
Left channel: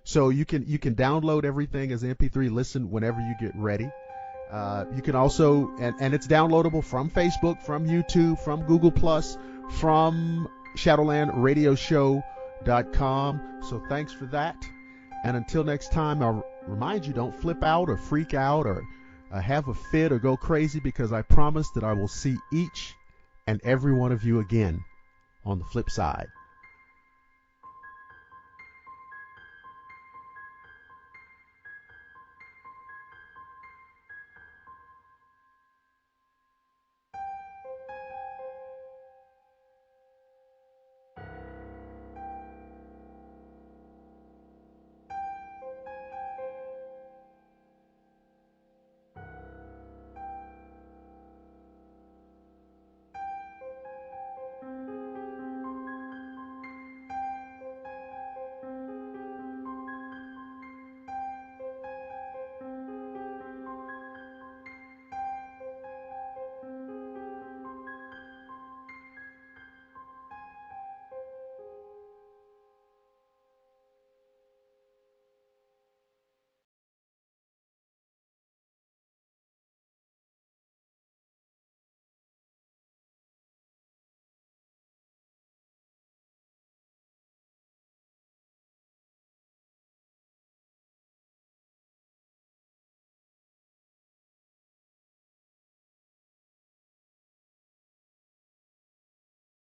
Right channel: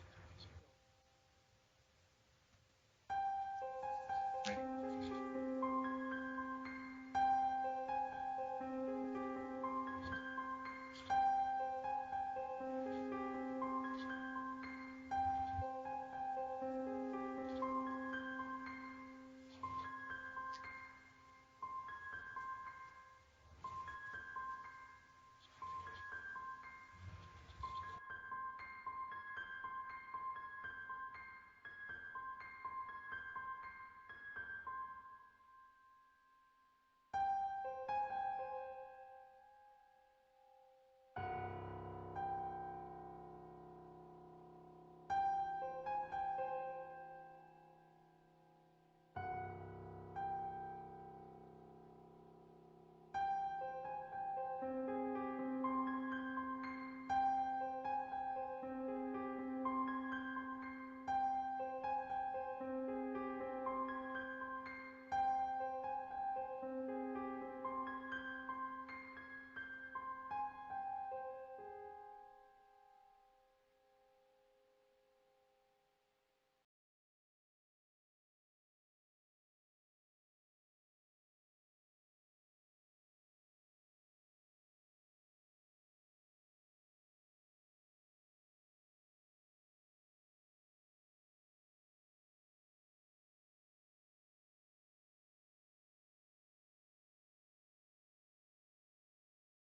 So you can download everything as MP3, listen whenever you get ready. You can also, and it's downloadable from Facebook, from YouTube, from Google+, from ShadowlandRadioShow.com. So thanks for that. And until next time, I'll remind you, don't flip out or freak out or have a fit or go crazy, because I promise that I will see each and every one of you again on the flip side.